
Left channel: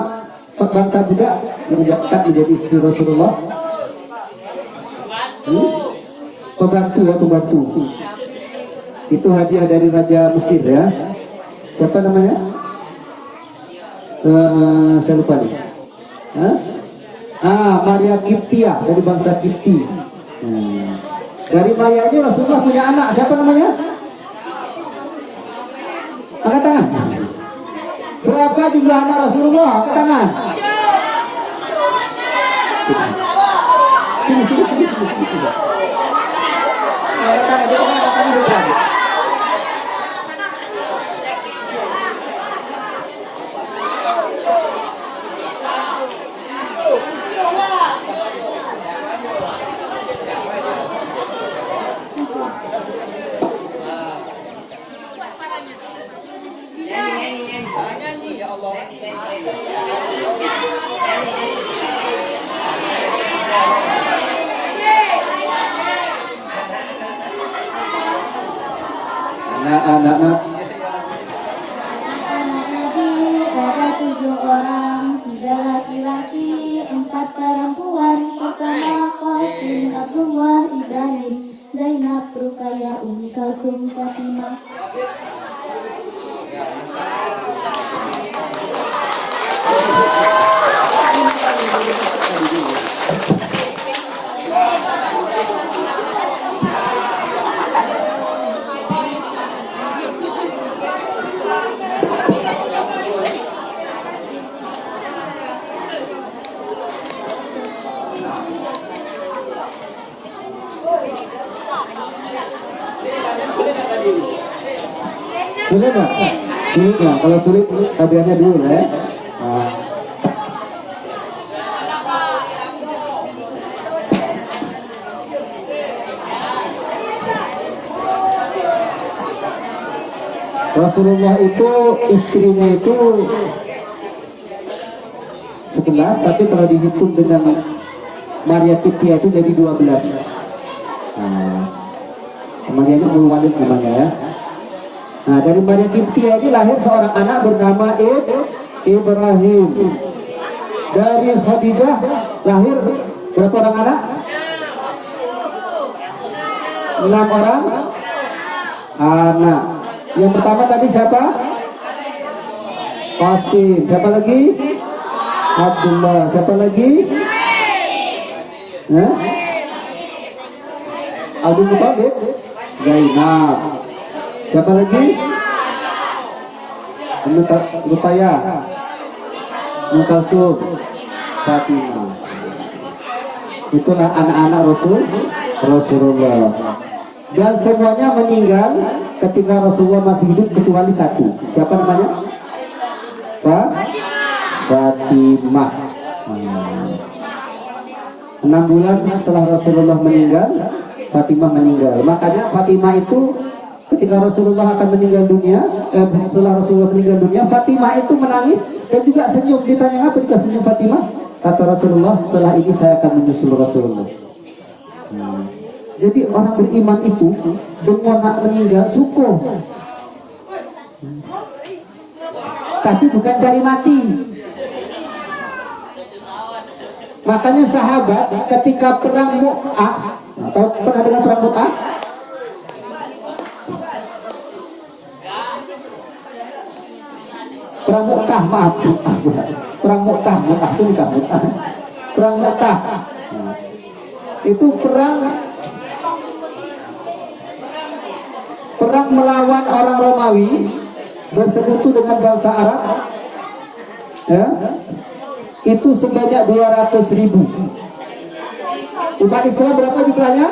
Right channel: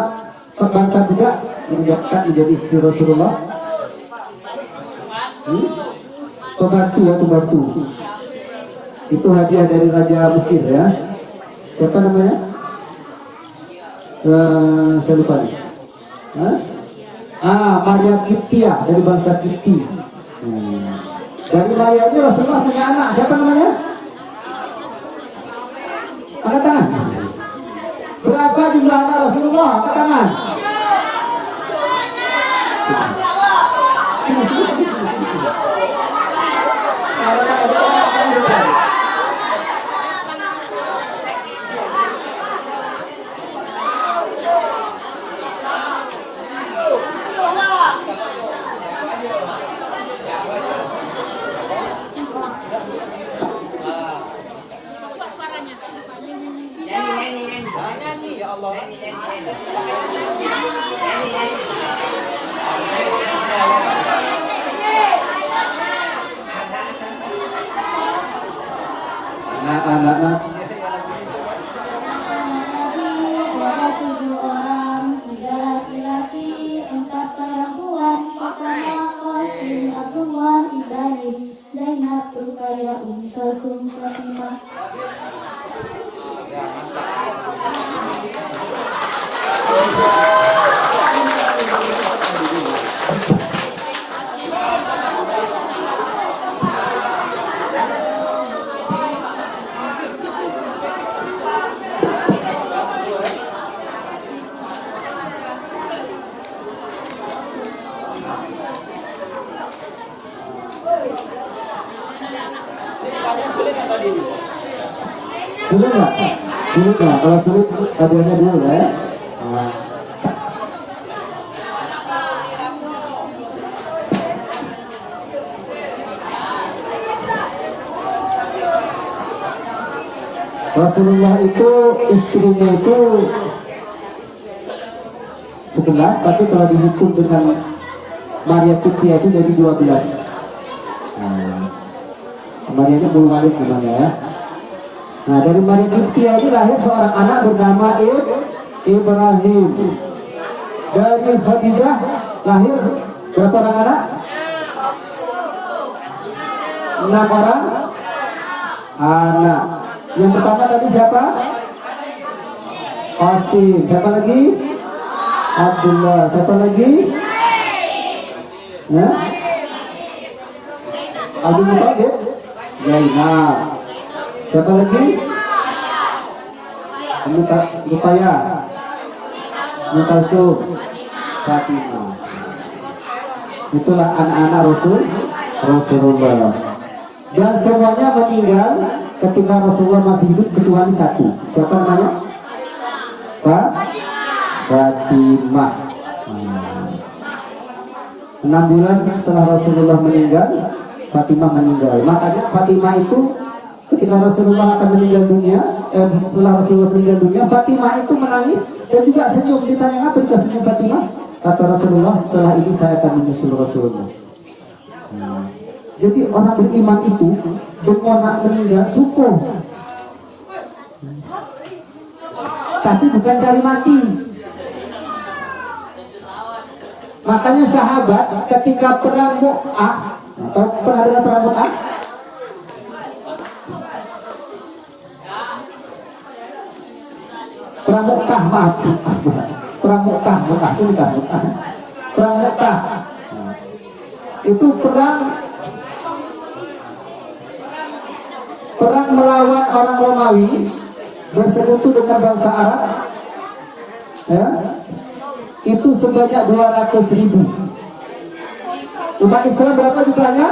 bangsa budak yang dekat menjadi istri Rasulullah? Pembantu ya, pembantu. Itu hadiah dari Raja Mesir ya. Siapa namanya? Saya lupa nih. Maria Kiptia dari bangsa Kipti. Dari Maria ini Rasulullah punya anak. Siapa namanya? Angkat tangan. Berapa jumlah anak Rasulullah? Angkat tangan. Nyanyi ya Allah. Anak-anak. Ada 7 orang, 3 laki-laki, 4 perempuan, pertama Qasim, Abdullah, Ibrahim, Zainab, Ruqayyah, Ummi Kalsum, Fatimah. Sulit nggak? Sulit nggak? Kalau sulit hadiahnya dulu ya. Rasulullah itu istrinya itu 11, tapi kalau dihitung dengan Maria Kiptia itu jadi 12. Maria itu Walid namanya ya. Nah, dari Maria Kiptia ini lahir seorang anak bernama Ibrahim. Dari Khadijah lahir berapa orang anak? 6 orang anak. Yang pertama tadi siapa? Qasim. Siapa lagi? Abdullah. Siapa lagi? Hah? Abdul Muttalib. Zainab. Siapa lagi? Rupaya. Mutasub. Fatimah. Itulah anak-anak Rasulullah. Dan semuanya meninggal ketika Rasulullah masih hidup kecuali satu. Siapa namanya? Fatimah. 6 bulan setelah Rasulullah meninggal, Fatimah meninggal. Makanya Fatimah itu ketika Rasulullah akan meninggal dunia, setelah Rasulullah meninggal dunia, Fatimah itu menangis dan juga senyum. Ditanya apa juga senyum Fatimah? Kata Rasulullah, setelah ini saya akan menyusul Rasulullah. Jadi orang beriman itu dengan nak meninggal syukur, tapi bukan cari mati. Makanya sahabat ketika perang Mu'ah, atau pernah dengar perang Mu'ah? Perang Mu'tah, maaf. Perang Mu'tah itu nikah Mu'tah. Perang Mu'tah itu perang melawan orang Romawi bersekutu dengan bangsa Arab, ya, itu sebanyak 200.000. Umat Islam berapa jumlahnya?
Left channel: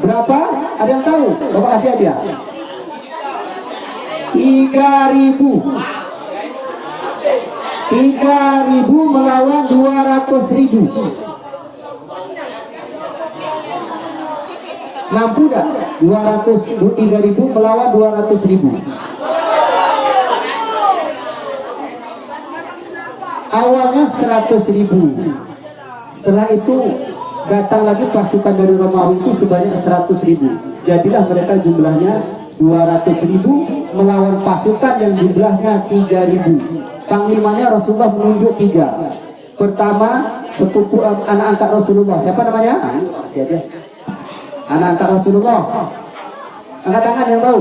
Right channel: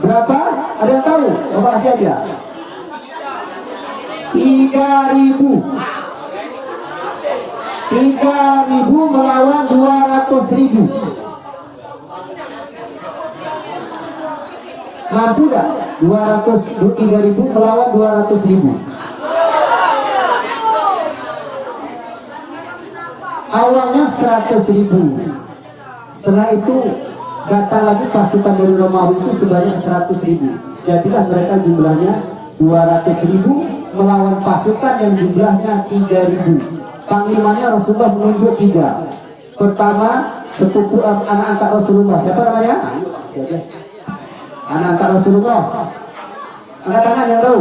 Berapa? Ada yang tahu? Bapak kasih aja. 3.000. 3.000 melawan 200.000. Mampu gak? 3.000 melawan 200.000. Awalnya 100.000. Setelah itu datang lagi pasukan dari Romawi itu sebanyak 100.000. Jadilah mereka jumlahnya 200.000 melawan pasukan yang jumlahnya 3.000. Panglimanya Rasulullah menunjuk 3. Pertama, sepupu anak angkat Rasulullah. Siapa namanya? Anak angkat Rasulullah. Angkat tangan yang tahu.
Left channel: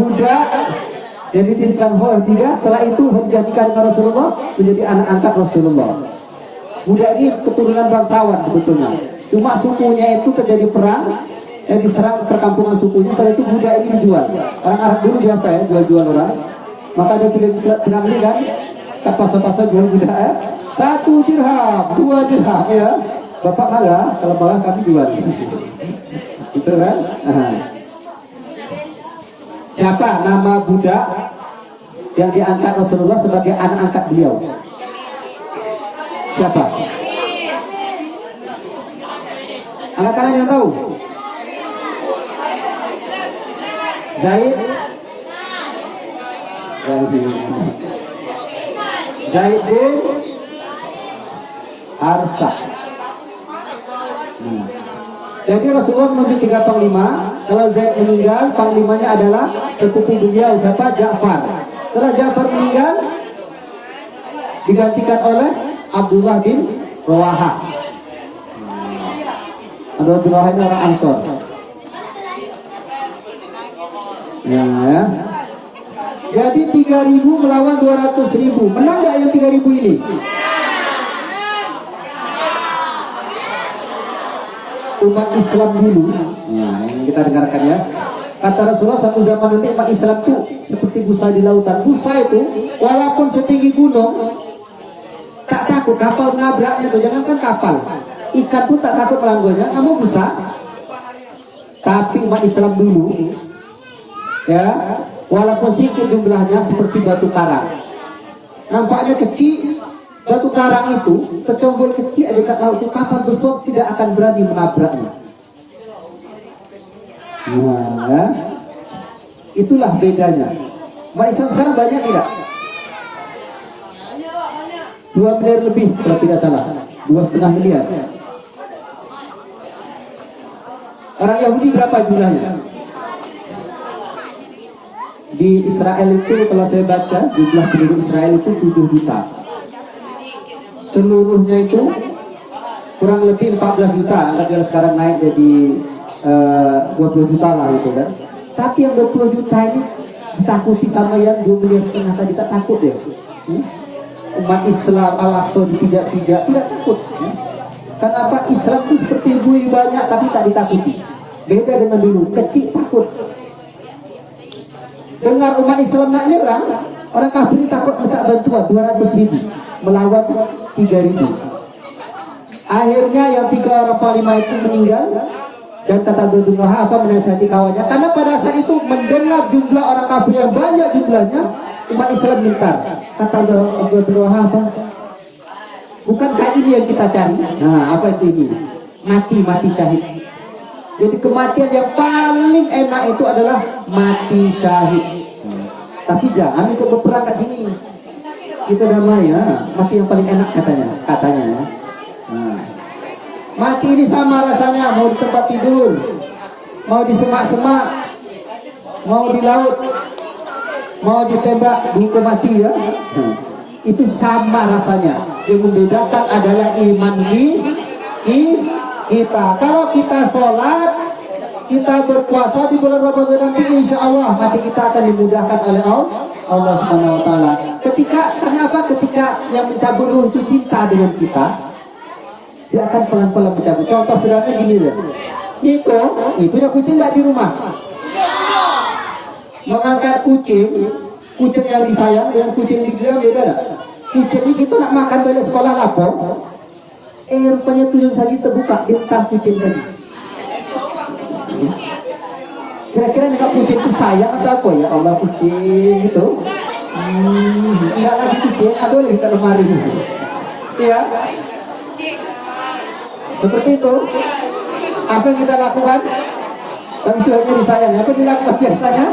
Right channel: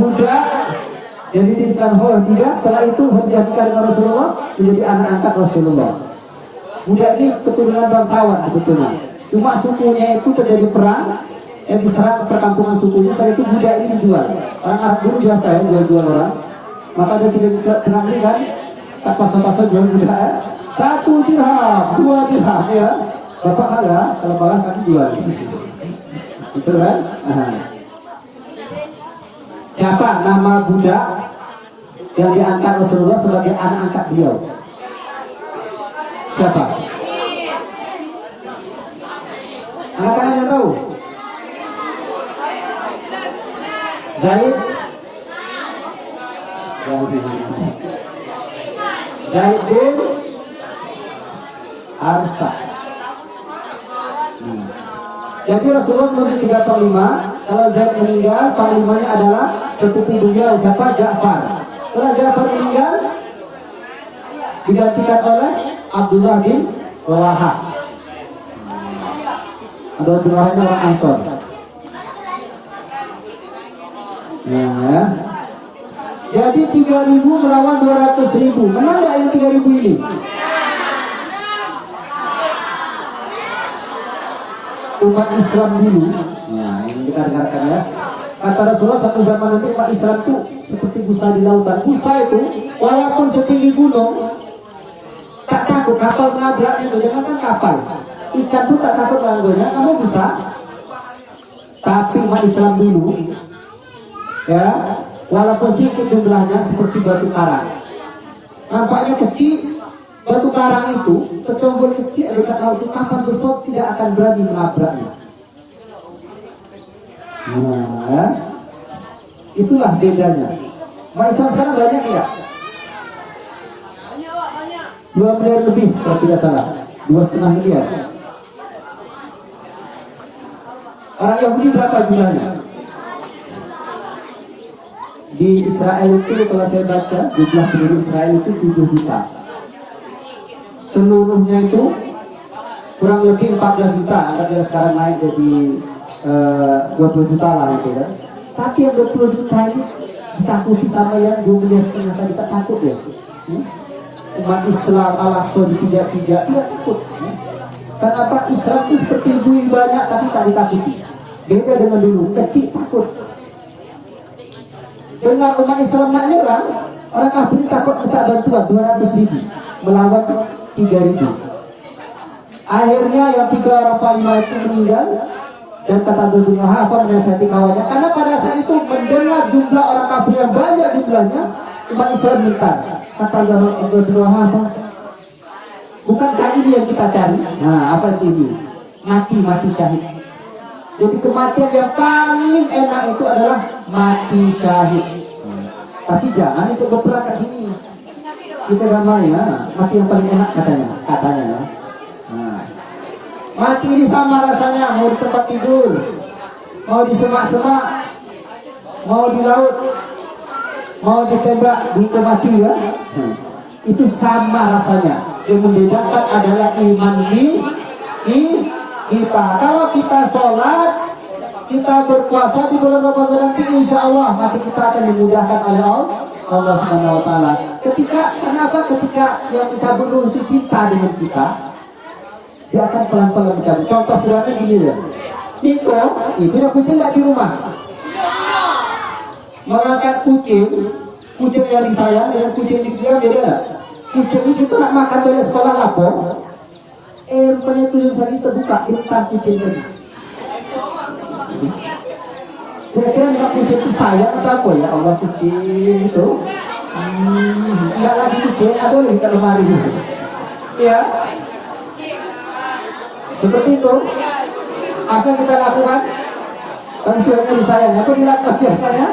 Budak jadi dititipkan Khadijah. Setelah itu dijadikan Rasulullah menjadi anak angkat Rasulullah. Budak ini keturunan bangsawan sebetulnya. Cuma sukunya itu terjadi perang, yang diserang perkampungan sukunya. Setelah itu budak ini dijual. Orang Arab dulu biasa ya jual-jual orang. Maka dia tidak pernah beli kan? Pasar-pasar jual budak ya. 1 dirham, 2 dirham ya. Bapak kalah, kalau kalah kami jual. Betul kan? Siapa nama budak yang diangkat Rasulullah sebagai anak angkat beliau? Siapa? Angkat yang tahu? Zaid bin Arta. Jadi Rasulullah menunjuk 3 panglima. Kalau Zaid meninggal, panglimanya adalah sepupu beliau, siapa? Ja'far. Setelah Ja'far meninggal, digantikan oleh Abdullah bin Rawahah. Abdullah bin Rawahah orang Ansor. Ya. Jadi 3.000 melawan 200.000. Menang nggak yang 3.000 ini? Umat Islam dulu. Nah, ini kita dengarkan ya. Kata Rasulullah, satu zaman nanti umat Islam itu seperti busa di lautan. Busa itu walaupun setinggi gunung tak takut kapal menabraknya itu. Jangan kan kapal, ikan pun tak takut melanggonya. Kamu busa. Tapi umat Islam dulu, ya, walaupun sedikit jumlahnya seperti batu karang. Nampaknya kecil, batu karang itu tercombol kecil, ada tahu itu kapal besar tidak akan berani menabraknya. Nah, itulah bedanya. Umat Islam sekarang banyak ya? 2 miliar lebih kalau tidak salah, 2,5 miliar. Orang Yahudi berapa jumlahnya? Di Israel itu kalau saya baca jumlah penduduk Israel itu 7 juta. Seluruhnya itu kurang lebih 14 juta. Kalau sekarang naik jadi 20 juta lah itu kan. Tapi yang 20 juta ini Takuti sama yang 2,5 miliar tadi, tak takut ya? Umat Islam Al-Aqsa dipijak-pijak, tidak takut. Kenapa Islam itu seperti bui banyak tapi tak ditakuti? Beda dengan dulu, kecil takut. Dengar umat Islam nak nyerang, orang kafir takut minta bantuan 200.000 melawan 3.000. Akhirnya yang 3 orang panglima itu meninggal. Dan kata Abdul Wahab menasihati kawannya, karena pada saat itu mendengar jumlah orang kafir yang banyak jumlahnya, umat Islam gentar. Kata Abdul Wahab, bukankah ini yang kita cari? Nah, apa itu ini? Mati syahid. Jadi kematian yang paling enak itu adalah mati syahid. Tapi jangan ikut berperang ke sini. Kita damai ya, mati yang paling enak katanya ya. Nah. Mati ini sama rasanya, mau di tempat tidur, mau di semak-semak, mau di laut, mau ditembak buku mati ya. Itu sama rasanya. Yang membedakan adalah iman kita. Kalau kita sholat, kita berpuasa di bulan Ramadan nanti, insya Allah mati kita akan dimudahkan oleh Allah Subhanahu Wa Taala. Kenapa? Ketika yang mencabut ruh itu cinta dengan kita, dia akan pelan-pelan mencabut. Contoh sederhana gini deh. Niko, punya kucing nggak di rumah? Mengangkat kucing yang disayang dengan kucing yang disayang beda. Kucing ini kita nak makan balik sekolah lapor. Rupanya tuyul saja terbuka, entah kucing tadi. Kira-kira nih kucing itu sayang atau apa ya? Allah kucing itu. Enggak lagi kucing, ada lagi ke lemari. Ya. Seperti itu. Apa yang kita lakukan? Tapi istilahnya disayang. Apa dilakukan biasanya?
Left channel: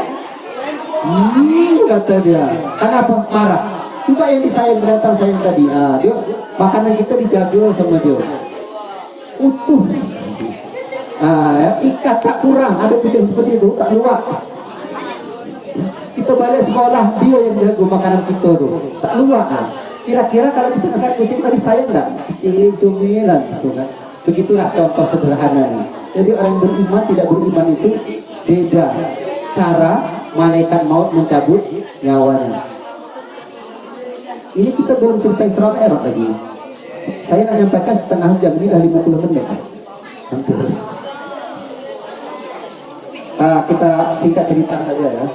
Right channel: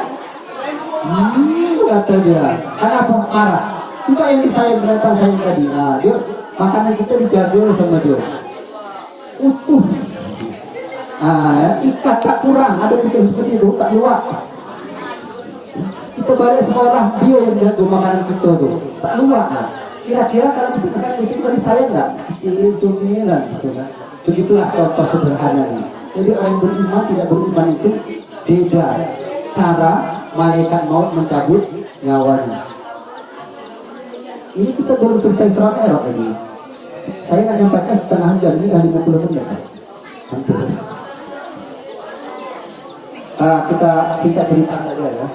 Kata dia. Kenapa marah? Coba yang disayang berantem sayang tadi. Nah, dia makanan kita dijaga sama dia. Utuh. Ikat tak kurang. Ada kucing seperti itu, tak luak. Kita balik sekolah, dia yang jaga makanan kita tu. Tak luak. Kira-kira kalau kita akan kucing tadi sayang tak? Cumilan. Begitulah contoh sederhana. Jadi orang beriman tidak beriman itu beda cara malaikat maut mencabut nyawanya. Ini kita belum cerita Isra Mi'raj lagi. Saya nak nyampaikan setengah jam, ini dah 50 menit. Hampir. Kita singkat cerita saja ya.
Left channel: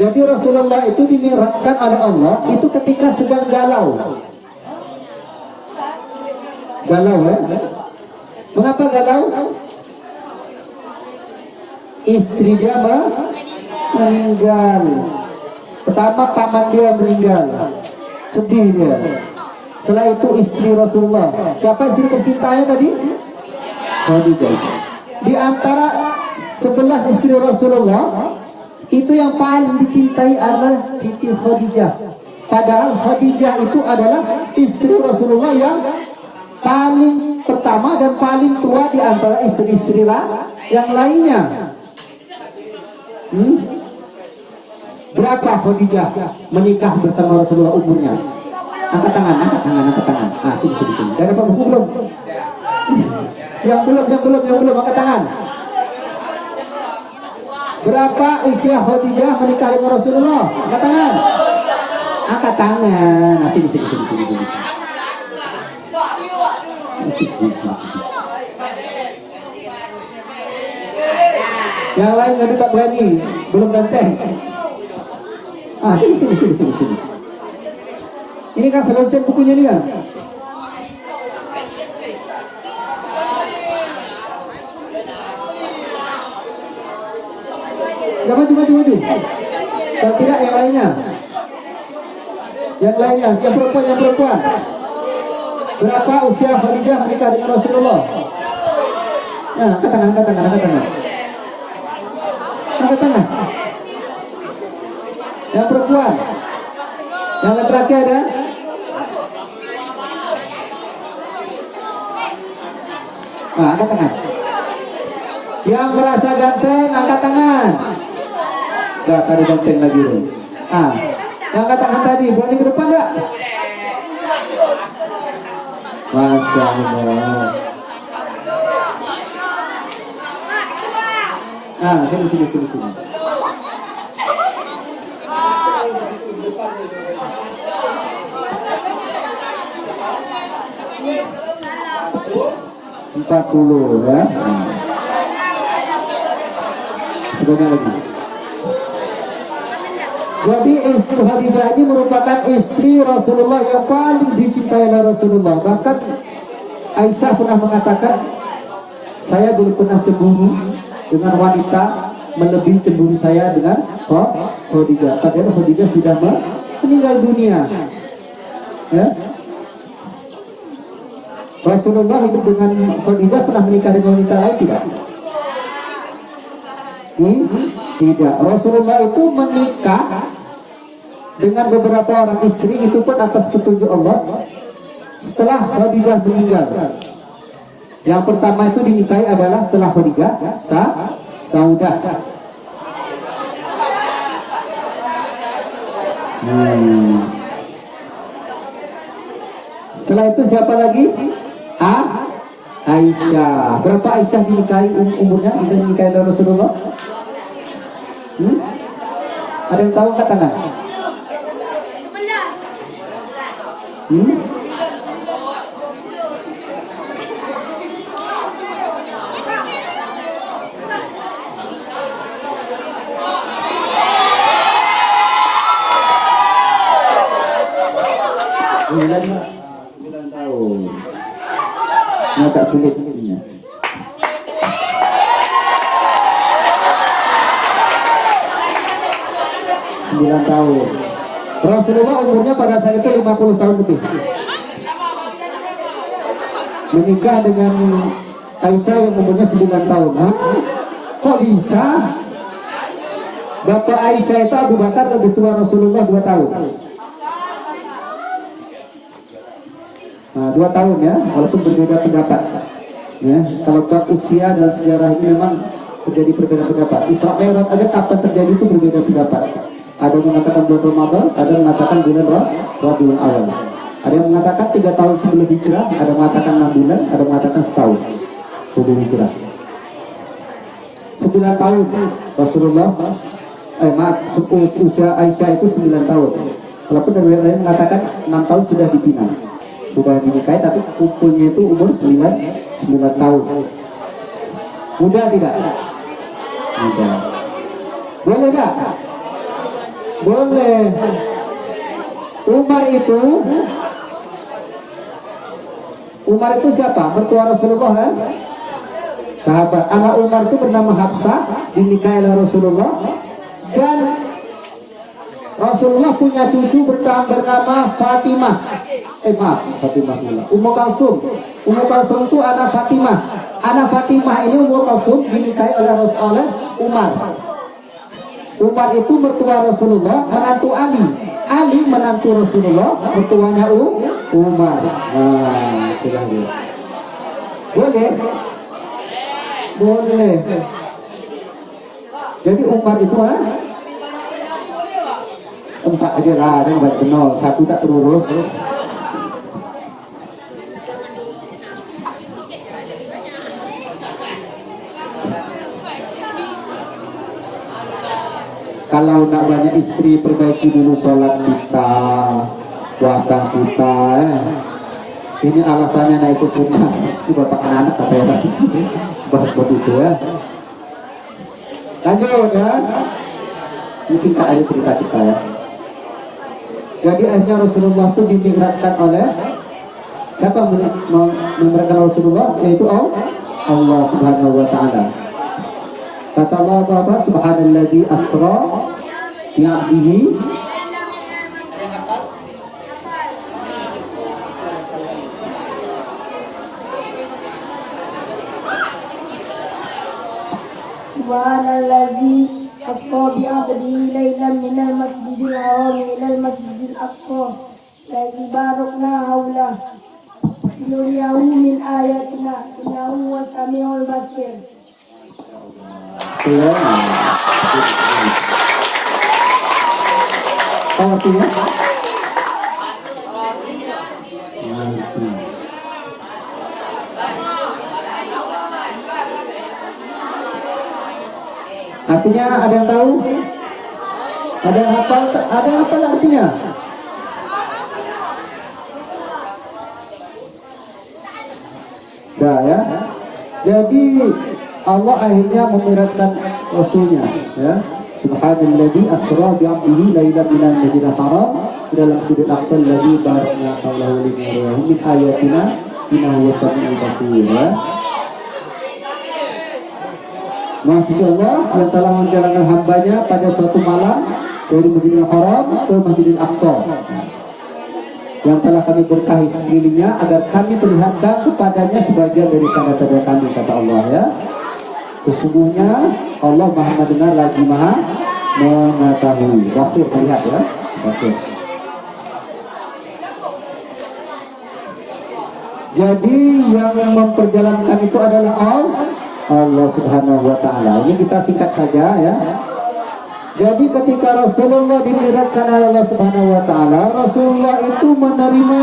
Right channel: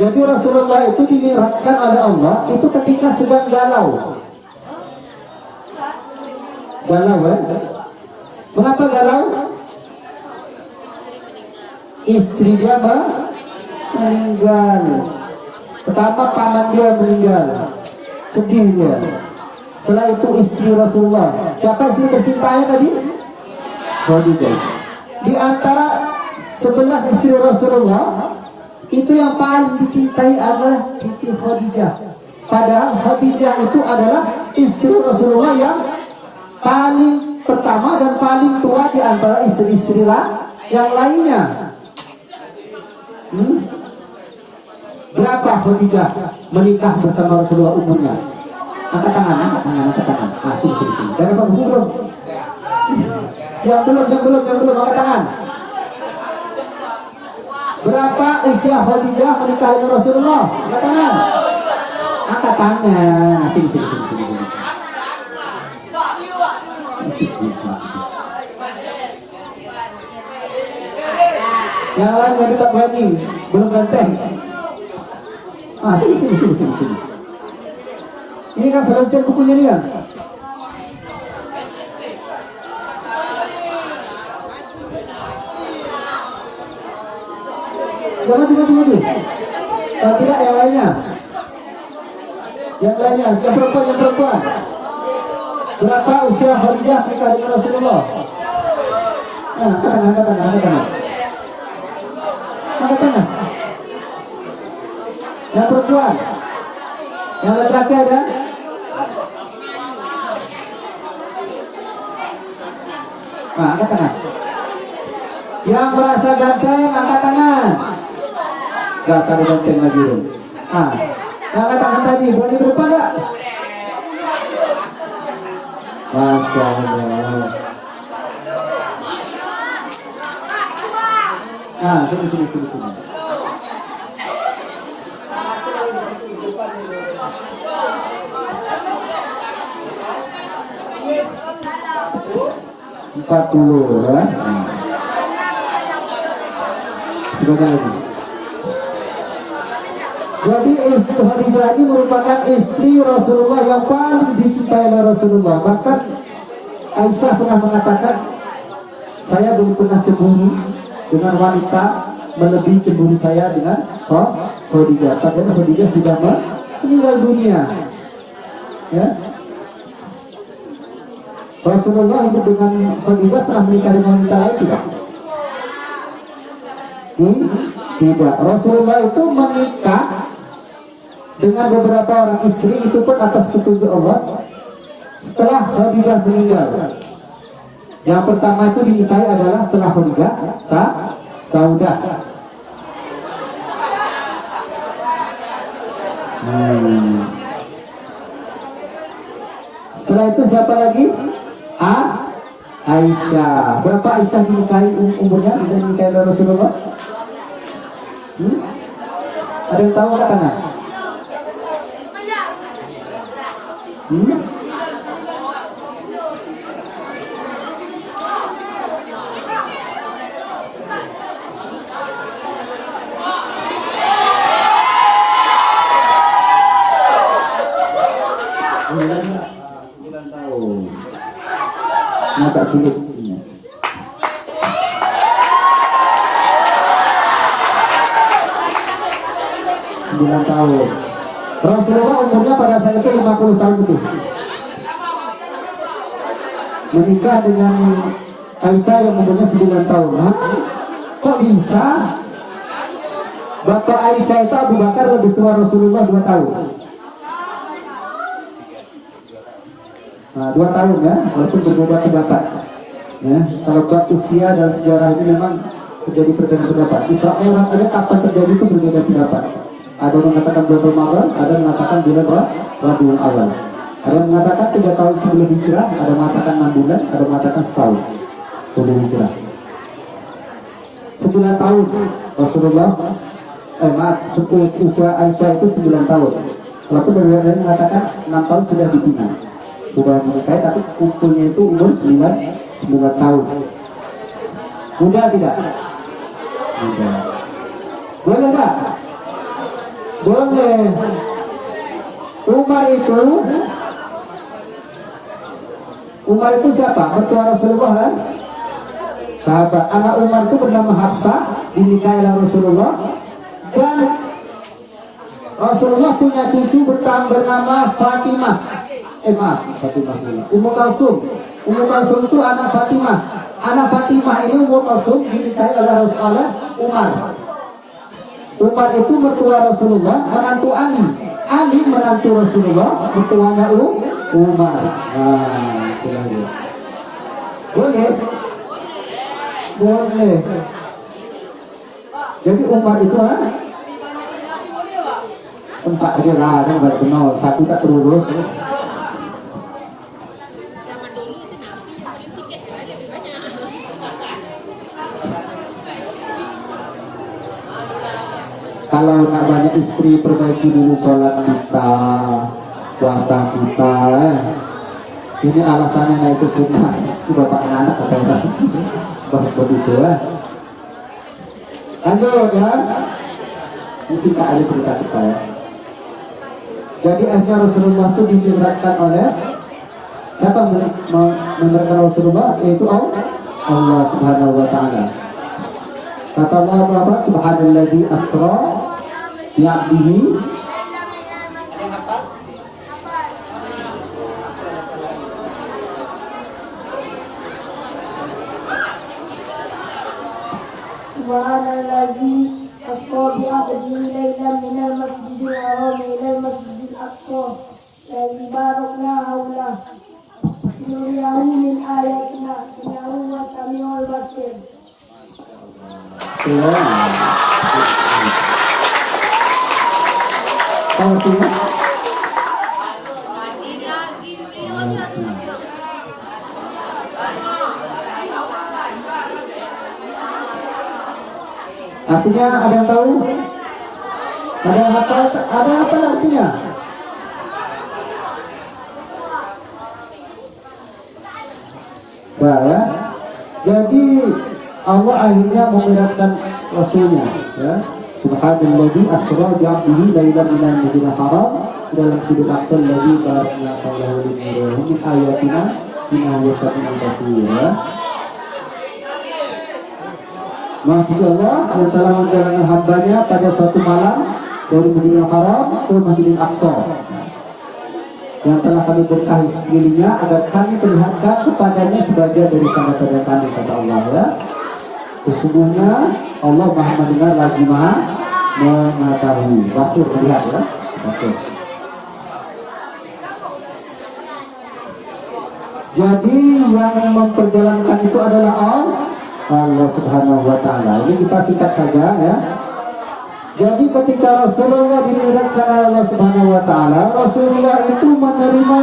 Jadi Rasulullah itu dimi'rajkan oleh Allah itu ketika sedang galau. Galau ya? Mengapa galau? Istri dia meninggal. Pertama paman dia meninggal. Sedih dia. Setelah itu istri Rasulullah. Siapa istri tercintanya tadi? Khadijah. Di antara 11 istri Rasulullah, itu yang paling dicintai adalah Siti Khadijah. Padahal Khadijah itu adalah istri Rasulullah yang paling pertama dan paling tua di antara istri-istri yang lainnya. Berapa Khadijah menikah bersama Rasulullah umurnya? Angkat tangan. Sini. Dan apa buku belum? Yang belum angkat tangan. Berapa usia Khadijah menikah dengan Rasulullah? Angkat tangan. Angkat tangan. Sini. Yang lain nggak dekat lagi, belum ganteng. Sini. Ini kan selesai bukunya dia. Udah maju. Kalau tidak yang lainnya. Yang perempuan. Berapa usia Khadijah menikah dengan Rasulullah? Angkat tangan. Angkat tangan. Yang perempuan. Yang laki-laki ada? Angkat tangan. Yang merasa ganteng, angkat tangan. Gak ada ganteng lagi. Angkat tangan tadi, berani ke depan gak? Masya Allah. Sini. 40 ya. Coba lagi. Jadi istri Khadijah ini merupakan istri Rasulullah yang paling dicintai oleh Rasulullah. Bahkan Aisyah pernah mengatakan, saya belum pernah cemburu dengan wanita melebihi cemburu saya dengan Khadijah. Padahal Khadijah sudah meninggal dunia. Ya. Rasulullah hidup dengan Khadijah, pernah menikah dengan wanita lain tidak? Tidak. Rasulullah itu menikah dengan beberapa orang istri, itu pun atas petunjuk Allah setelah Khadijah meninggal. Yang pertama itu dinikahi adalah setelah Khadijah, Saudah. Setelah itu siapa lagi? Aisyah. Berapa Aisyah dinikahi umurnya? Dinikahi oleh Rasulullah? Ada yang tahu angkat tangan? Sembilan tahun. Ini agak sulit. 9 tahun. Rasulullah umurnya pada saat itu 50 tahun lebih. Menikah dengan Aisyah yang umurnya 9 tahun. Kok bisa? Bapak Aisyah itu Abu Bakar lebih tua Rasulullah 2 tahun. Nah, 2 tahun ya, walaupun berbeda pendapat. Ya, kalau buat usia dan sejarah ini memang terjadi perbedaan pendapat. Isra Mi'raj aja kapan terjadi itu berbeda pendapat. Ada yang mengatakan bulan Ramadan, ada yang mengatakan bulan Rabiul Awal. Ada yang mengatakan 3 tahun sebelum hijrah, ada yang mengatakan 6 bulan, ada yang mengatakan setahun sebelum hijrah. 9 tahun Rasulullah, usia Aisyah itu 9 tahun. Walaupun dari yang lain mengatakan 6 tahun sudah dipinang, sudah dinikahi, tapi kumpulnya itu umur 9 tahun. Mudah tidak? Mudah. Boleh tak? Boleh. Umar itu siapa? Mertua Rasulullah kan? Sahabat. Anak Umar itu bernama Hafsah, dinikahi oleh Rasulullah. Dan Rasulullah punya cucu bernama Fatimah. Fatimah dulu. Ummu Kalsum. Ummu Kalsum itu anak Fatimah. Anak Fatimah ini Ummu Kalsum dinikahi oleh Rasulullah Umar. Umar itu mertua Rasulullah, menantu Ali. Ali menantu Rasulullah, mertuanya Umar. Nah, itulah dia. Boleh? Boleh. Jadi Umar itu tempat aja lah, ada yang banyak kenal. Satu tak terurus. Kalau nak banyak istri, perbaiki dulu sholat kita, puasa kita. Ini alasannya naik ke sunnah. Itu bapak anak apa ya? Bahas begitu ya. Lanjut ya. Ini singkat aja cerita kita ya. Jadi akhirnya Rasulullah itu dimi'rajkan oleh siapa memi'rajkan Rasulullah? Yaitu Allah Subhanahu wa Ta'ala. Kata Allah apa? Subhanalladzi asra bi'abdihi. Ada yang hafal? Subhanalladzi asra bi'abdihi laylan minal masjidil haram ilal masjidil aqsa alladzi barakna hawla linuriyahu min ayatina innahu huwas samiul basir. Ya. Tahu artinya? Artinya ada yang tahu? Ada yang hafal? Ada apa artinya? Dah ya. Jadi Allah akhirnya memirakkan Rasulnya, ya. Subhanalladzi asra bi 'abdihi lailan minal masjidil haram ila masjidil aqsa alladzi barakna hawlahu linurihi min ayatina innahu samii'un basir. Maksud Allah yang telah menjalankan hambanya pada suatu malam dari Masjidil Haram ke Masjidil Aqsa, yang telah kami berkahi sekelilingnya agar kami perlihatkan kepadanya sebagian dari tanda-tanda kami, kata Allah, ya. Sesungguhnya Allah Maha mendengar lagi Maha mengetahui. Rasul melihat, ya. Rasul. Jadi yang memperjalankan itu adalah Allah Subhanahu wa Ta'ala. Ini kita singkat saja, ya. Jadi ketika Rasulullah dimirakkan oleh Allah Subhanahu wa Ta'ala, Rasulullah itu menerima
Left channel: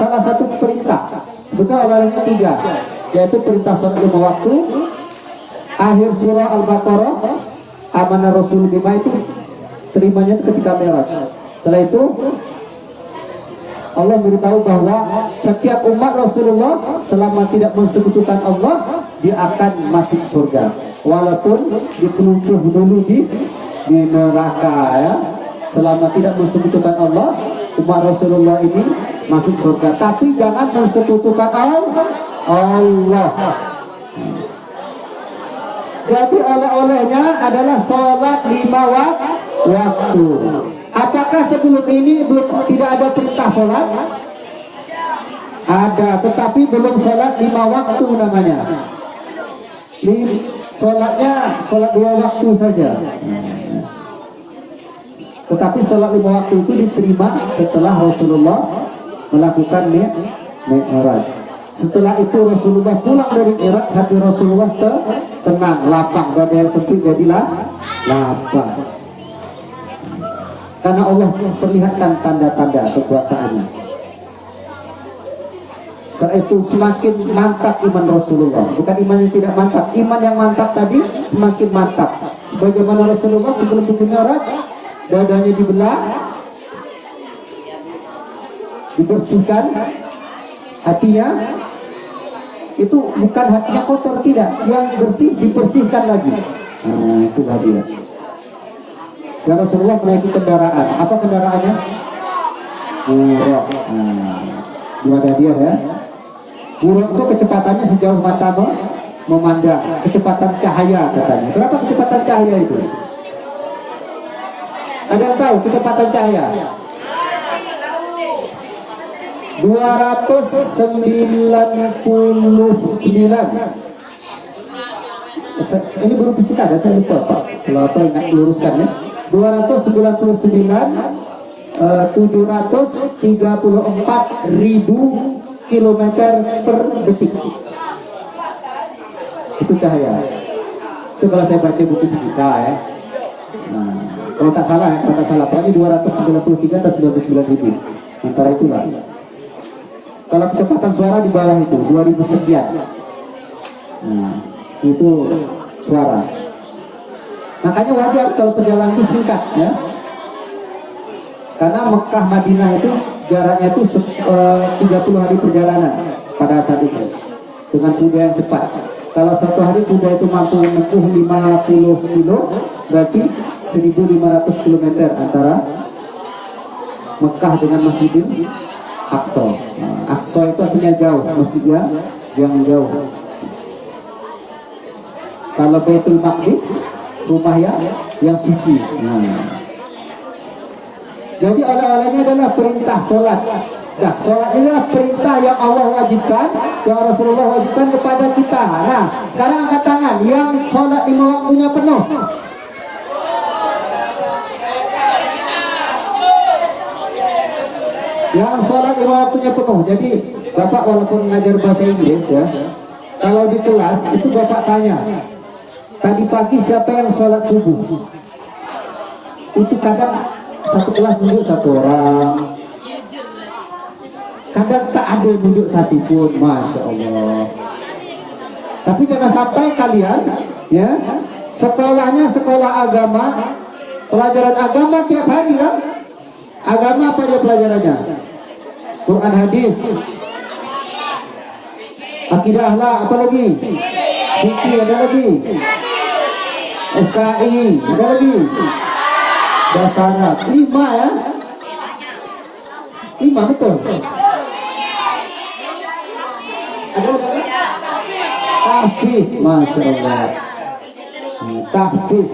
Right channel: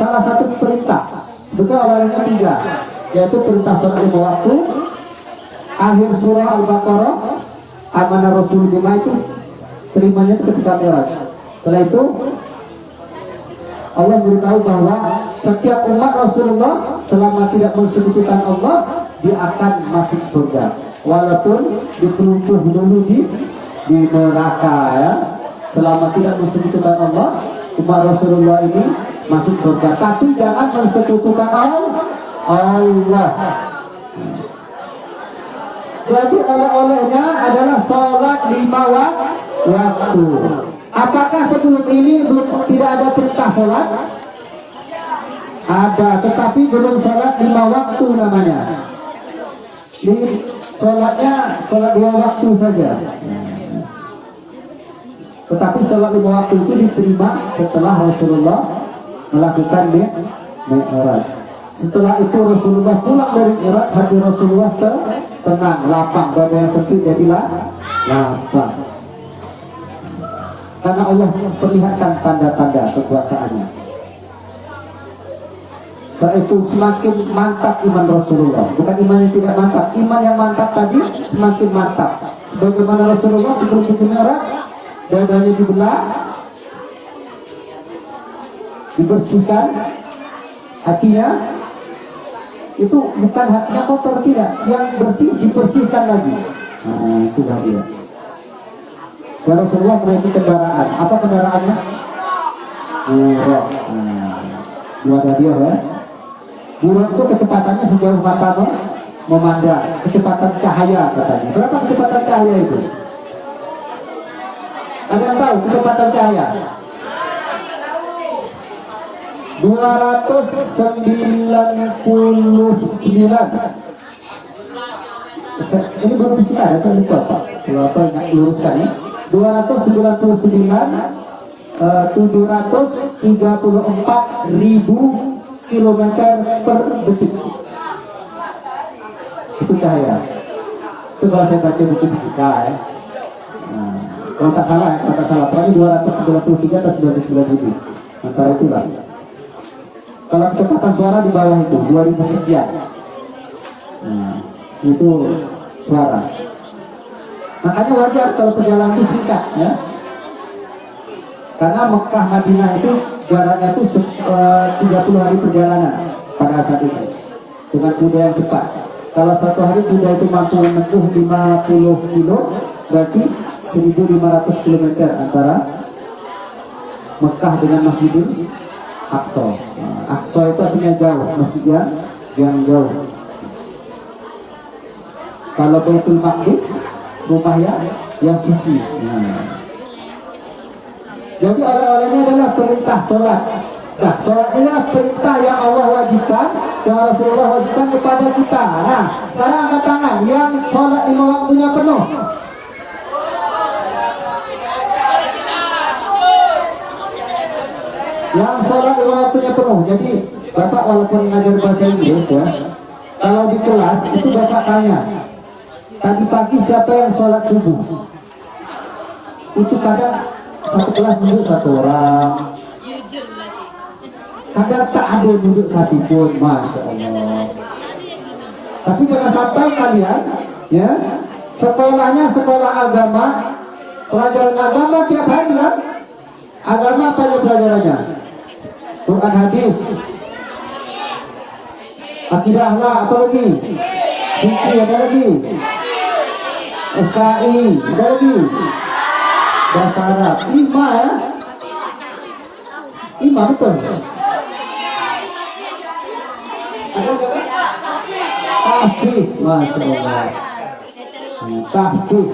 salah satu perintah. Sebetulnya awalnya 3, yaitu perintah salat 5 waktu, akhir surah Al-Baqarah, amanah Rasul bima, itu terimanya ketika Mi'raj. Setelah itu Allah beritahu bahwa setiap umat Rasulullah selama tidak mensekutukan Allah, dia akan masuk surga, walaupun dipelumpuh dulu di neraka, ya. Selama tidak mensekutukan Allah, umat Rasulullah ini masuk surga. Tapi jangan mensekutukan Allah. Jadi oleh-olehnya adalah sholat 5 waktu. Apakah sebelum ini tidak ada perintah sholat? Ada, tetapi belum sholat 5 waktu namanya. Sholatnya sholat 2 waktu saja. Tetapi sholat 5 waktu itu diterima setelah Rasulullah melakukan Mi'raj. Setelah itu Rasulullah pulang dari Mi'raj, hati Rasulullah tenang, lapang, dada yang sempit jadilah lapang. Karena Allah perlihatkan tanda-tanda kekuasaannya. Setelah itu semakin mantap iman Rasulullah. Bukan iman yang tidak mantap, iman yang mantap tadi semakin mantap. Sebagaimana Rasulullah sebelum pergi Mi'raj, dadanya dibelah, dibersihkan, hatinya itu bukan hatinya kotor, tidak, yang bersih dibersihkan lagi. Nah, itulah dia. Dan Rasulullah menaiki kendaraan. Apa kendaraannya? Buraq. Nah, ada dia, ya. Buraq itu kecepatannya sejauh mata memandang, kecepatan cahaya katanya. Berapa kecepatan cahaya itu? Ada yang tahu kecepatan cahaya? 299. Ini guru fisika ada, saya lupa Pak. Kalau apa ingat luruskan, ya. 299.734.000 kilometer per detik. Itu cahaya. Itu kalau saya baca buku fisika, ya. Nah, kalau tak salah, pokoknya 293 atau 99.000. Antara itulah. Kalau kecepatan suara di bawah itu 2000 sekian. Nah, itu suara. Makanya wajar kalau perjalanan itu singkat, ya. Karena Mekah Madinah itu jaraknya itu 30 hari perjalanan pada saat itu dengan kuda yang cepat. Kalau satu hari kuda itu mampu menempuh 50 kilo, berarti 1500 km antara Mekah dengan Masjidil Aqsa. Aqsa itu artinya jauh, masjidnya jangan jauh. Kalau Baitul Maqdis, rumah yang suci. Jadi oleh-olehnya adalah perintah sholat. Nah, sholat inilah perintah yang Allah wajibkan, yang Rasulullah wajibkan kepada kita. Nah, sekarang angkat tangan yang sholat 5 waktunya penuh. Yang sholat 5 waktunya penuh. Jadi Bapak walaupun ngajar bahasa Inggris, ya, kalau di kelas itu Bapak tanya, tadi pagi siapa yang sholat subuh? Itu kadang satu kelas nunjuk 1 orang, kadang tak ada nunjuk 1 pun, Masya Allah. Tapi jangan sampai kalian, ya, sekolahnya sekolah agama, pelajaran agama tiap hari, kan? Agama apa aja pelajarannya? Quran, hadis. Akidah lah, apa lagi? Fikih ada lagi. SKI ada lagi. Bahasa Arab 5 ya. 5 betul. Ada apa? Tahfiz, masya Allah. Tahfiz.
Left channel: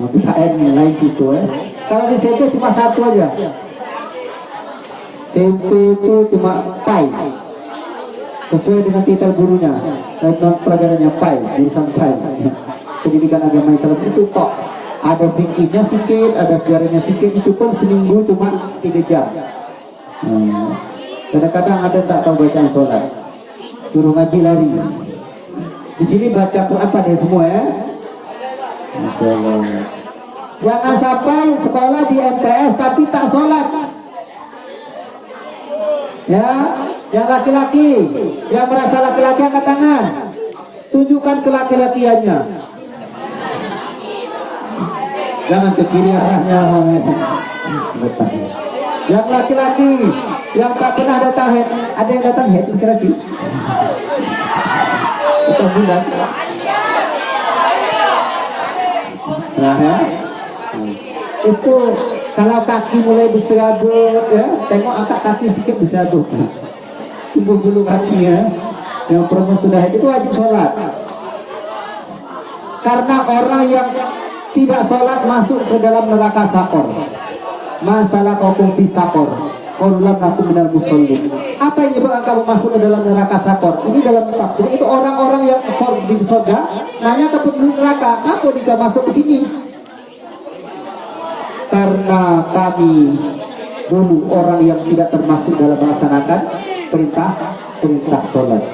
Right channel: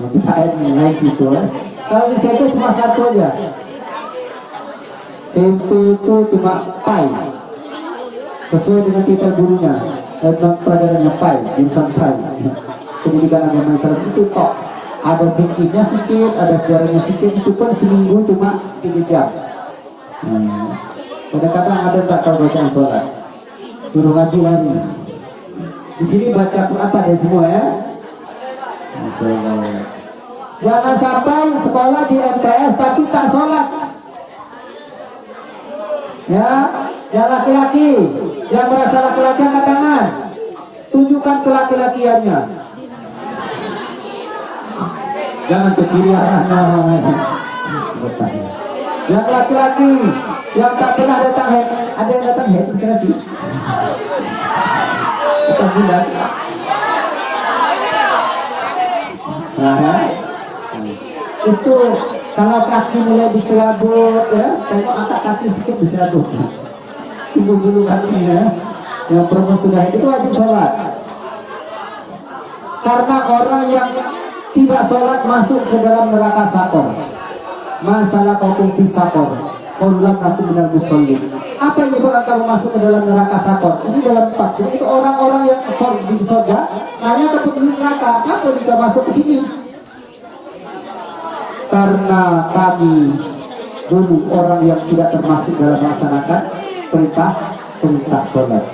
Nanti KN naik situ ya. Kalau di SMP cuma satu aja. SMP itu cuma PAI. Sesuai dengan titel gurunya. Tentang pelajarannya PAI, jurusan PAI. Pendidikan agama Islam itu kok. Ada fikihnya sedikit, ada sejarahnya sedikit. Itu pun seminggu cuma 3 jam. Kadang-kadang ada tak tahu bacaan sholat. Suruh ngaji lari. Di sini baca Quran pada semua ya. Jangan sampai sekolah di MTS tapi tak sholat. Ya, yang laki-laki, yang merasa laki-laki angkat tangan. Tunjukkan kelaki-lakiannya. Jangan ke kiri arahnya. Yang laki-laki, yang tak pernah datang head, ada yang datang head laki-laki. Datang bulan. Nah, ya. Itu kalau kaki mulai berserabut ya, tengok angkat kaki sedikit berserabut. Tunggu dulu kaki ya. Yang perempuan sudah itu wajib sholat. Karena orang yang tidak sholat masuk ke dalam neraka sakor. Masalah kau fi sakor. Qalulam aku minal musallin. Apa yang menyebabkan kamu masuk ke dalam neraka sakor? Ini dalam tafsir itu orang-orang yang di surga nanya ke penduduk neraka, apa jika masuk ke sini? Karena kami dulu orang yang tidak termasuk dalam melaksanakan perintah sholat.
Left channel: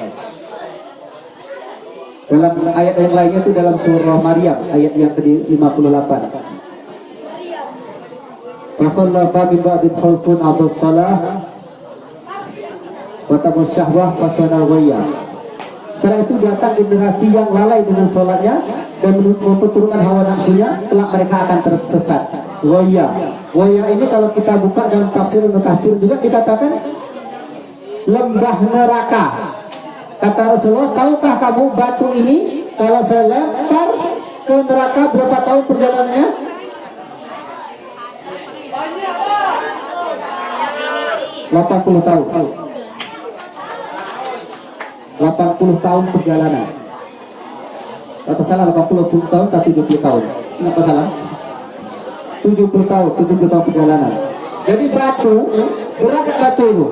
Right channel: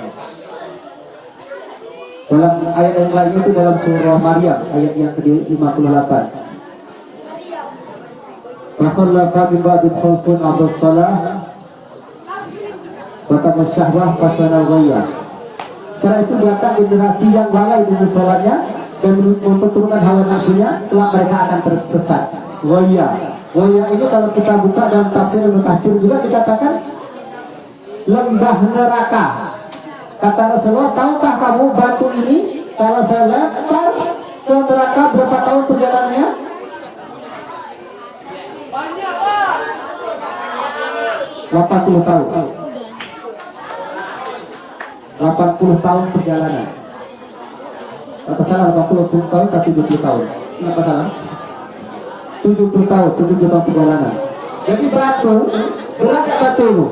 Dalam ayat yang lainnya itu dalam surah Maryam ayat yang ke-58. Fakhallafa min ba'di khawfun abus salah wa tamus syahwah fasyana ghayya. Setelah itu datang generasi yang lalai dengan sholatnya dan memperturunkan hawa nafsunya, kelak mereka akan tersesat. Ghayya. Ghayya ini kalau kita buka dalam tafsir Ibnu Katsir juga kita katakan lembah neraka. Kata Rasulullah, tahukah kamu batu ini kalau saya lempar ke neraka berapa tahun perjalanannya? 80 tahun. 80 tahun perjalanan. Kata salah 80 tahun atau 70 tahun. Kenapa salah? 70 tahun perjalanan. Jadi batu, berat gak batu itu?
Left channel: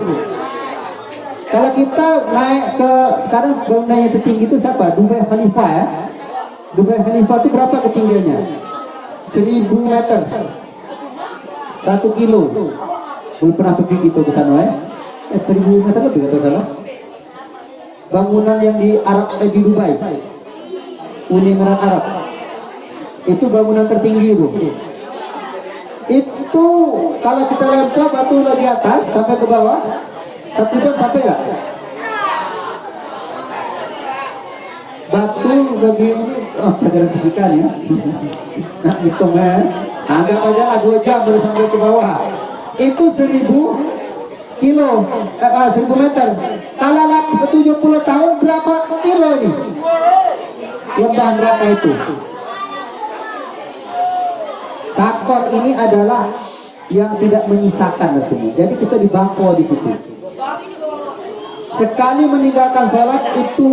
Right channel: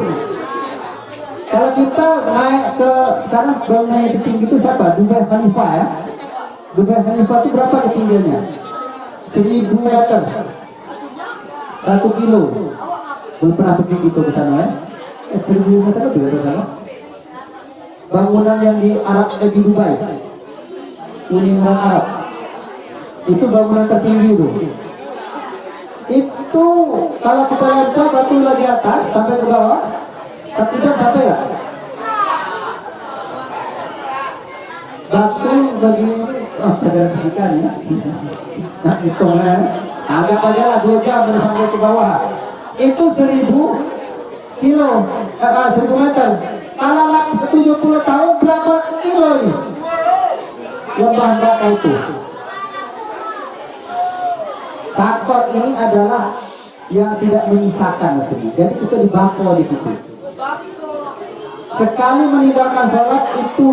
Kalau kita naik ke, sekarang bangunan yang tertinggi itu siapa? Dubai Khalifah ya. Dubai Khalifah itu berapa ketinggiannya? 1000 meter. 1 kilo. Belum pernah pergi gitu ke sana ya. 1000 meter lebih ke sana. Bangunan yang di Arab, di Dubai, Uni Emirat Arab, itu bangunan tertinggi itu. Itu kalau kita lempar batu lagi atas sampai ke bawah, 1 jam sampai nggak? Batu bagi ini, segera fisika nih. Nah hitung ya, agak aja lah 2 jam baru sampai ke bawah. Itu 1000 kilo, 1000 meter. Kalau 70 tahun berapa kilo ini? Lembah neraka itu. Sakor ini adalah yang tidak menyisakan artinya. Jadi kita dibako di situ. Sekali meninggalkan sholat itu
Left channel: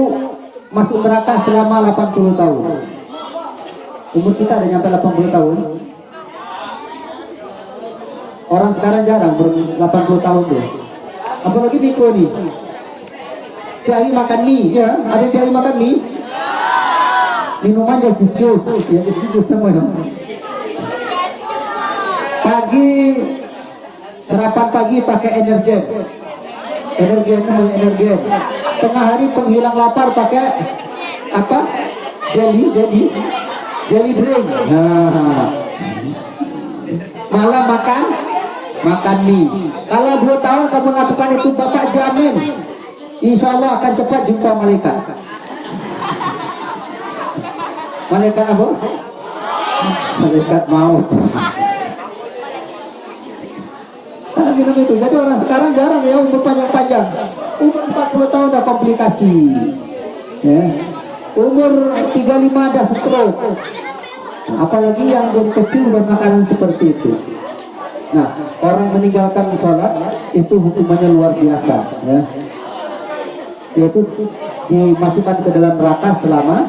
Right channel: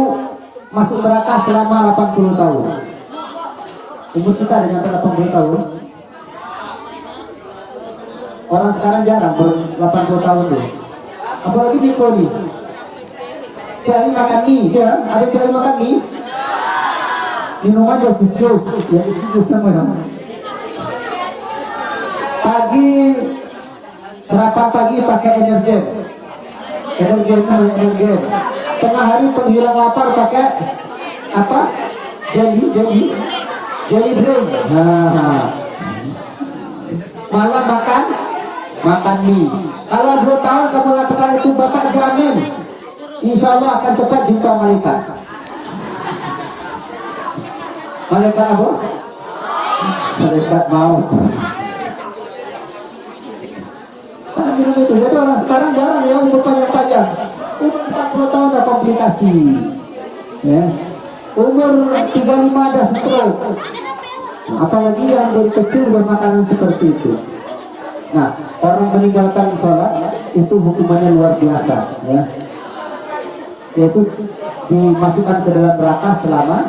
masuk neraka selama 80 tahun. Umur kita ada nyampe 80 tahun. Orang sekarang jarang ber 80 tahun tuh. Apalagi Miko nih. Kiai makan mie, ya? Ada kiai makan mie? Minuman jus, ya jus semua ya. Pagi sarapan pagi pakai energen. Tengah hari penghilang lapar pakai apa? Jelly drink. Nah. Malam makan mie. Kalau 2 tahun kamu lakukan itu, Bapak jamin insya Allah akan cepat jumpa malaikat. Malaikat apa? Malaikat maut. Karena minum itu. Jadi orang sekarang jarang ya umur panjang-panjang. umur 40 tahun ada komplikasi, ya. Umur 35 ada stroke. Nah, apalagi yang dari kecil bermakanan seperti itu. Nah, orang meninggalkan sholat itu hukumannya luar biasa, ya. Yaitu dimasukkan ke dalam neraka selama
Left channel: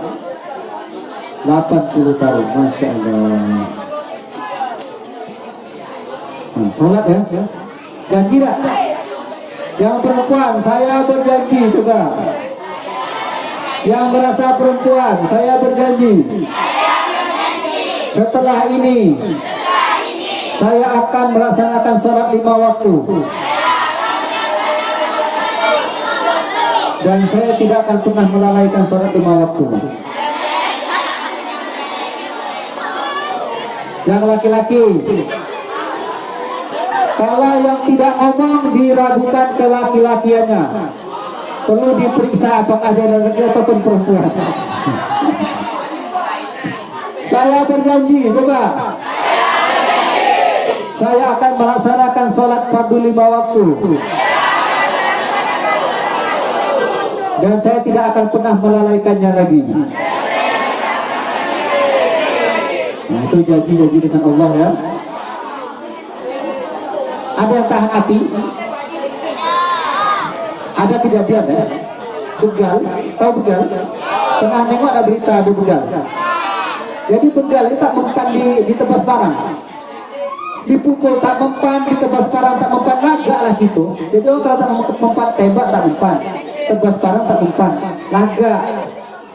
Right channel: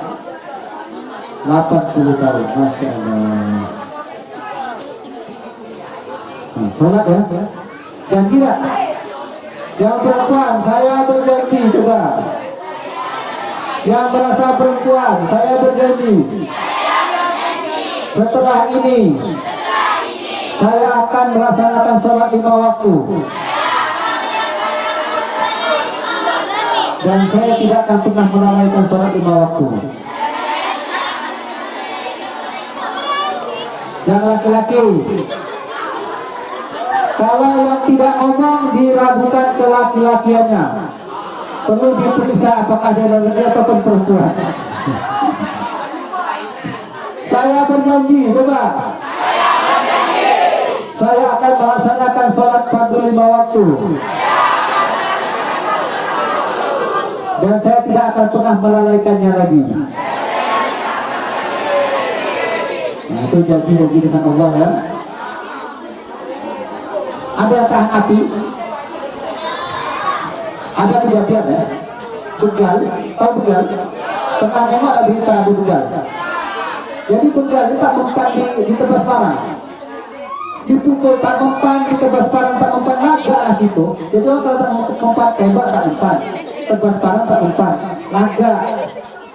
80 tahun. Masya Allah. Nah, sholat ya. Janji tak? Yang perempuan, saya berjanji, coba. Yang merasa perempuan, saya berjanji. Setelah ini, saya akan melaksanakan sholat 5 waktu. Dan saya tidak akan pernah melalaikan sholat 5 waktu. Yang laki-laki, kalau yang tidak ngomong diragukan ke laki-lakiannya, perlu diperiksa apakah dia laki ataupun perempuan. Saya berjanji, coba. Saya akan melaksanakan sholat fardu 5 waktu. Dan saya tidak akan pernah melalaikannya lagi. Nah, itu janji-janji dengan Allah, ya. Ada yang tahan api? Ada kejadian, ya. Begal, tahu begal? Pernah tengok ada berita di begal? Jadi begal ini tak mempan di tebas parang. Dipukul tak mempan, di tebas parang tak mempan, naga lah gitu. Jadi orang kalau tak mempan, tembak tak mempan, tebas parang tak mempan, naga.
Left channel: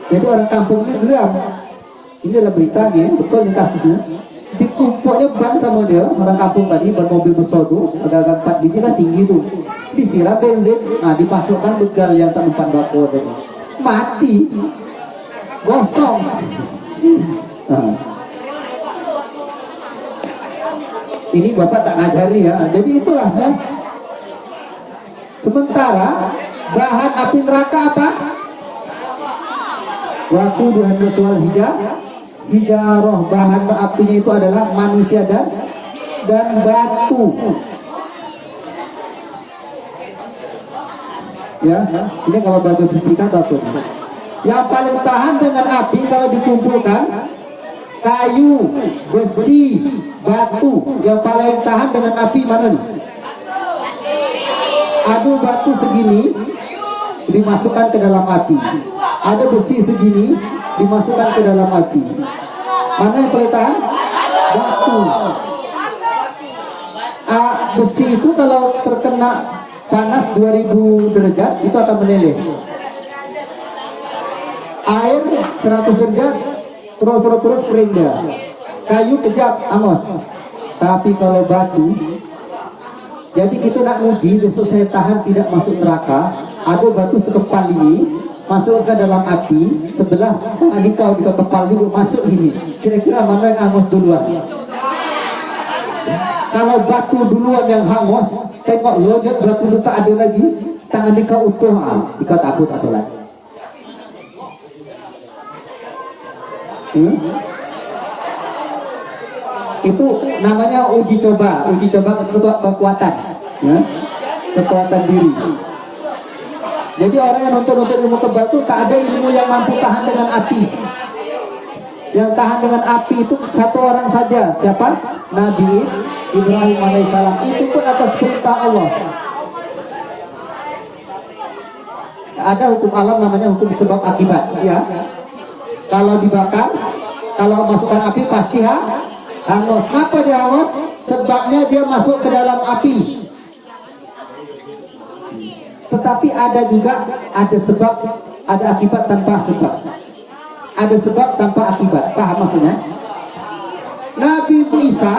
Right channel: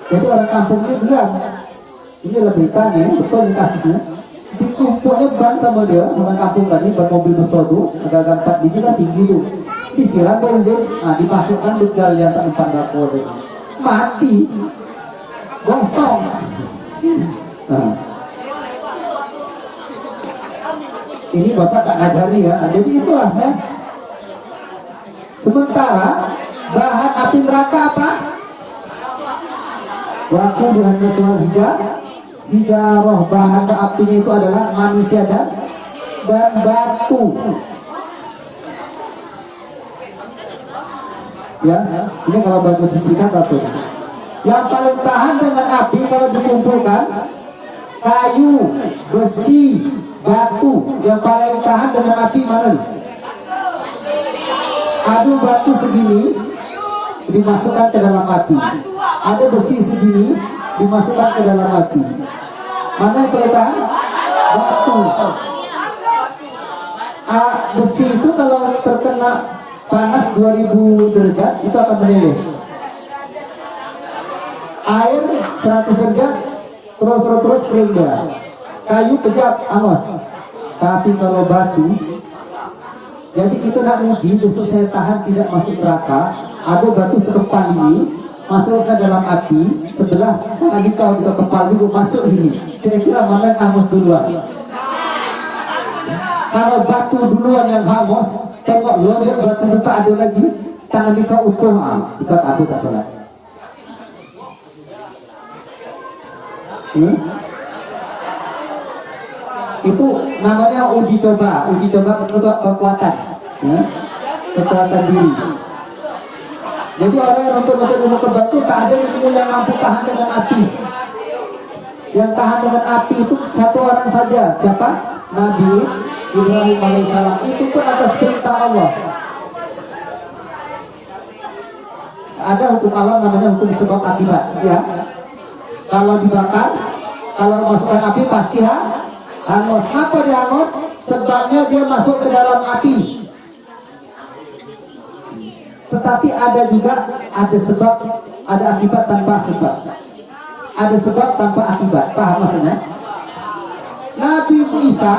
Jadi orang kampung ini geram. Ini adalah beritanya, betul ini kasusnya. Dikumpulnya ban sama dia, orang kampung tadi, ban mobil besar tuh, agak-agak 4 biji kan tinggi tuh. Disiram bensin, nah dimasukkan begal yang tak mempan bakor. Mati, gosong. Nah. Ini bapak tak ngajari, ya. Jadi itulah, ya. Sementara bahan api neraka apa? Waktu dihanus wal hijarah, bahan apinya itu adalah manusia dan batu. Ya, ini kalau batu fisika batu. Yang paling tahan dengan api kalau dikumpulkan kayu, besi, batu. Yang paling tahan dengan api mana nih? Ada batu segini dimasukkan ke dalam api. Ada besi segini dimasukkan ke dalam api. Mana yang paling tahan? Batu. Besi itu kalau terkena panas 2000 derajat itu akan meleleh. Air 100 derajat terus kering dah. Kayu kejap angus. Tapi kalau batu, jadi kita nak uji besok saya tahan tidak masuk neraka. Ada batu sekepal ini masuk ke dalam api, sebelah tangan kau di kepal itu masuk ini. Kira-kira mana yang angus duluan? Kalau batu duluan yang hangus, tengok lo dia batu itu tak ada lagi, tangan kau utuh, dikau tak tak sholat. Itu namanya uji coba kekuatan, ya? Kekuatan diri. Jadi orang yang nonton ilmu kebal itu tak ada ilmu yang mampu tahan dengan api. Yang tahan dengan api itu satu orang saja. Siapa? Nabi Ibrahim alaihissalam. Itu pun atas perintah Allah. Ada hukum alam namanya hukum sebab akibat, ya. Kalau dibakar, kalau masukkan api pasti hangus. Apa dia hangus? Sebabnya dia masuk ke dalam api. Tetapi ada juga ada sebab, ada akibat tanpa sebab. Ada sebab tanpa akibat. Paham maksudnya? Nabi Isa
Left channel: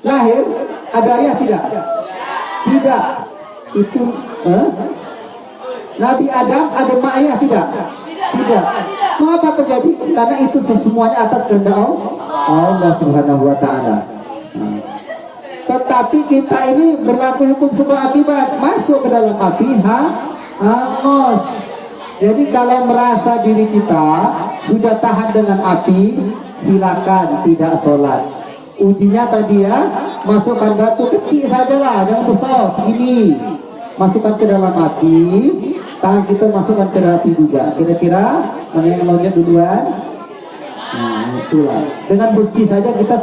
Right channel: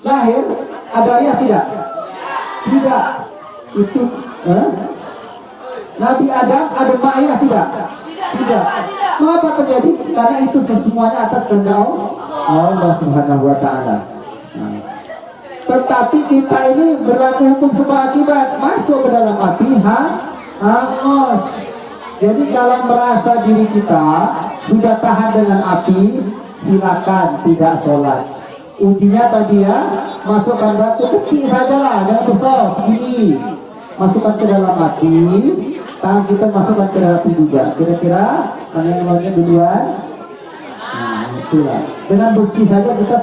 lahir ada ayah tidak? Tidak. Itu Nabi Adam ada mak ayah tidak? Tidak. Mengapa terjadi? Karena itu semuanya atas kehendak Allah Subhanahu wa taala. Tetapi kita ini berlaku hukum sebab akibat, masuk ke dalam api hangus. Jadi kalau merasa diri kita sudah tahan dengan api, silakan tidak sholat. Ujinya tadi, ya, masukkan batu kecil sajalah, jangan besar segini. masukkan ke dalam api, tangan kita masukkan ke dalam api juga. Kira-kira mana yang loncat duluan? Nah, itulah. Dengan besi saja kita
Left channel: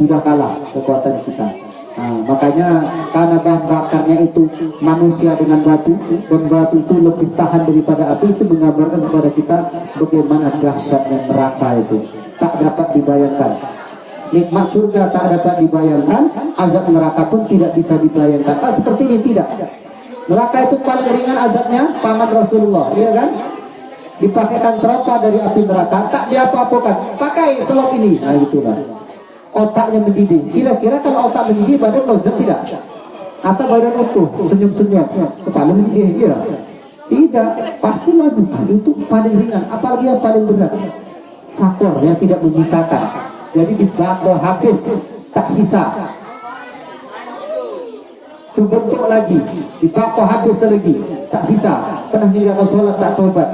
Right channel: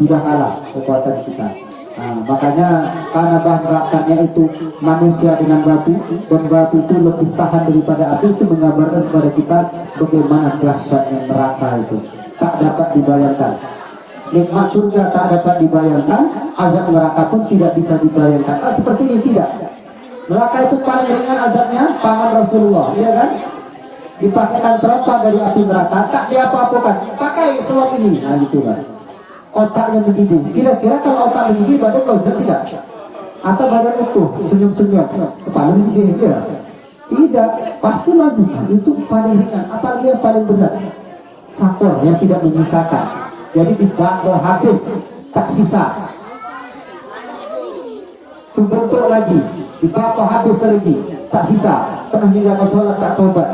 sudah kalah kekuatan kita. Nah, makanya karena bahan bakarnya itu manusia dengan batu, dan batu itu lebih tahan daripada api, itu menggambarkan kepada kita bagaimana dahsyatnya neraka itu. Tak dapat dibayangkan. Nikmat surga tak dapat dibayangkan, azab neraka pun tidak bisa dibayangkan. Seperti ini tidak. Neraka itu paling ringan azabnya paman Rasulullah, iya kan? Dipakaikan terapa dari api neraka, tak diapa-apakan. Pakai selop ini, nah gitu kan. Otaknya mendidih. Kira-kira kalau otak mendidih, badan loncat tidak? Atau badan utuh, senyum-senyum, kepala mendidih aja? Tidak, pasti laju. Itu paling ringan. Apalagi yang paling berat, sakor yang tidak menyisakan. Jadi dibakar habis, tak sisa. Terbentuk lagi, dibakar habis lagi, tak sisa. Pernah meninggalkan sholat, tak tobat.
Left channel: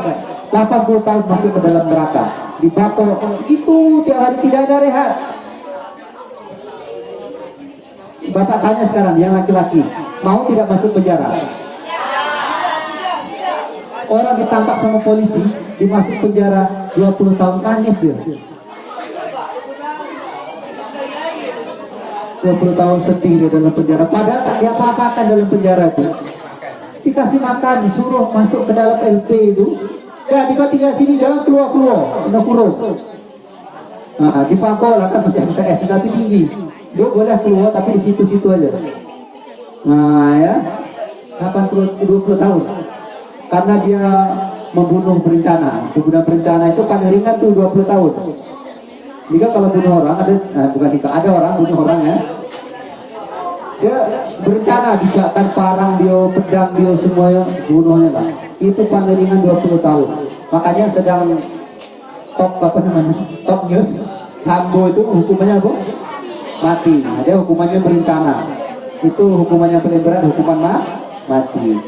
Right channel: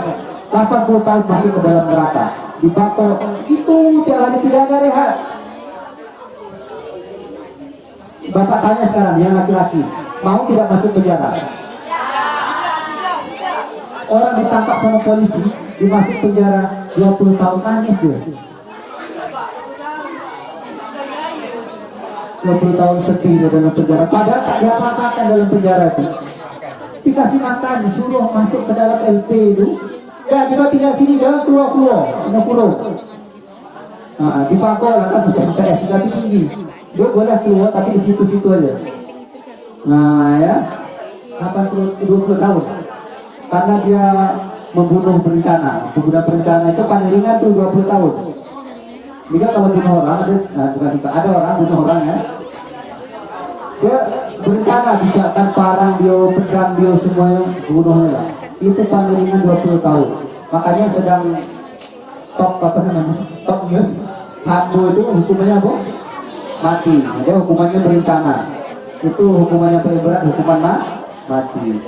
80 tahun masuk ke dalam neraka. Dibakar, itu tiap hari tidak ada rehat. Bapak tanya sekarang, yang laki-laki, mau tidak masuk penjara? Orang ditangkap sama polisi, dimasuk penjara 20 tahun, nangis dia. 20 tahun sedih dia dalam penjara. Padahal tak diapa-apakan dalam penjara itu. Dikasih makan, disuruh masuk ke dalam LP itu. Ya, kita tinggal sini, jangan keluar-keluar, udah kurung. Dipakul lah kan macam MTS, tapi tinggi. Dia boleh keluar tapi di situ-situ aja. Nah ya, 20 tahun. Karena dia membunuh berencana. Pembunuhan berencana itu paling ringan tuh 20 tahun. Jika kalau bunuh orang ada orang bunuh orang ya. Dia berencana bisa kan parang dia, pedang dia, semua yang bunuhnya lah. Itu paling ringan 20 tahun. Makanya sedang top news, Sambo itu hukumannya apa? Mati. Dia hukumannya berencana. Itu hukumannya paling berat, hukuman mati.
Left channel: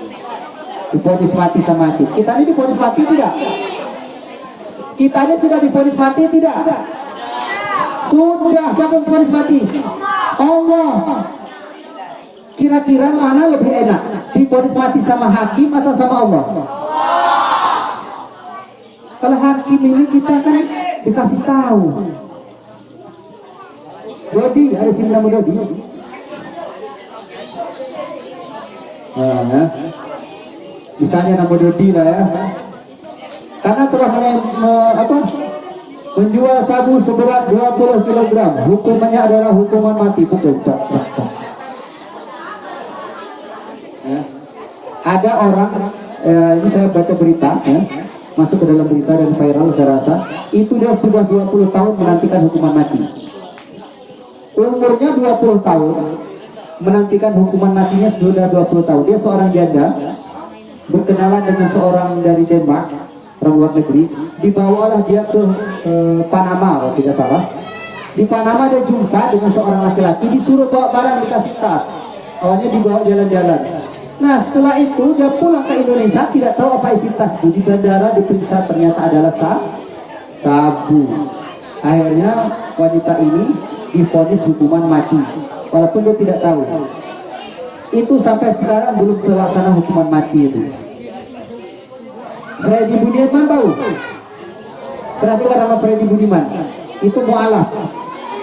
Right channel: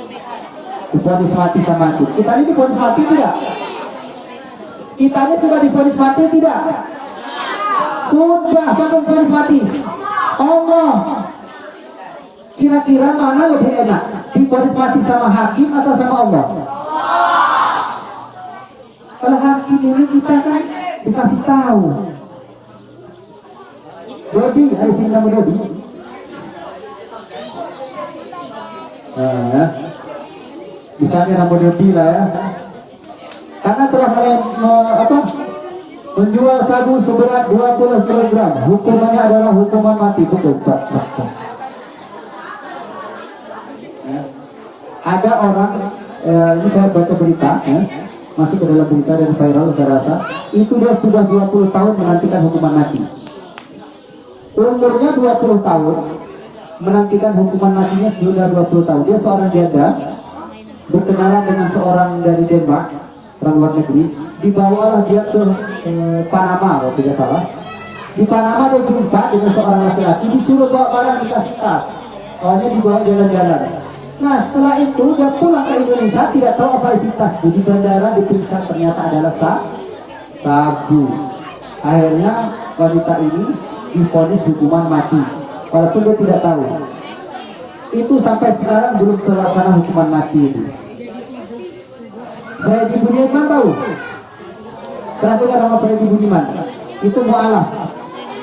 Divonis mati sama itu. Kita ini divonis mati tidak? Kita ini sudah divonis mati tidak? Sudah. Siapa yang divonis mati? Allah. Kira-kira mana lebih enak? Divonis mati sama hakim atau sama Allah? Kalau hakim ini kita kan dikasih tahu. Dodi, ada sini nama Dodi. Nah, misalnya nama Dodi lah ya. Karena telah menjual sabu seberat 20 kg, hukumannya adalah hukuman mati. Betul. Ada orang, ini saya baca berita ya, masuk ke dalam berita dan viral saya rasa, itu dia sudah 20 tahun menantikan hukuman mati. Umurnya 20 tahun menantikan hukuman matinya sudah 20 tahun. Dia seorang janda berkenalan dengan seorang dari Denmark, orang luar negeri. Dibawalah dia ke Panama kalau tidak salah. Di Panama dia jumpa dengan seorang laki-laki, disuruh bawa barang dikasih tas. Awalnya dibawa jalan-jalan. Nah setelah itu dia pulang ke Indonesia, tidak tahu apa isi tas itu. Di bandara diperiksa, ternyata adalah sabu. Akhirnya wanita ini divonis hukuman mati, walaupun dia tidak tahu. Itu sampai sekarang belum terlaksana hukuman mati itu. Freddy Budiman tahu? Pernah dengar nama Freddy Budiman? Itu mu'alaf.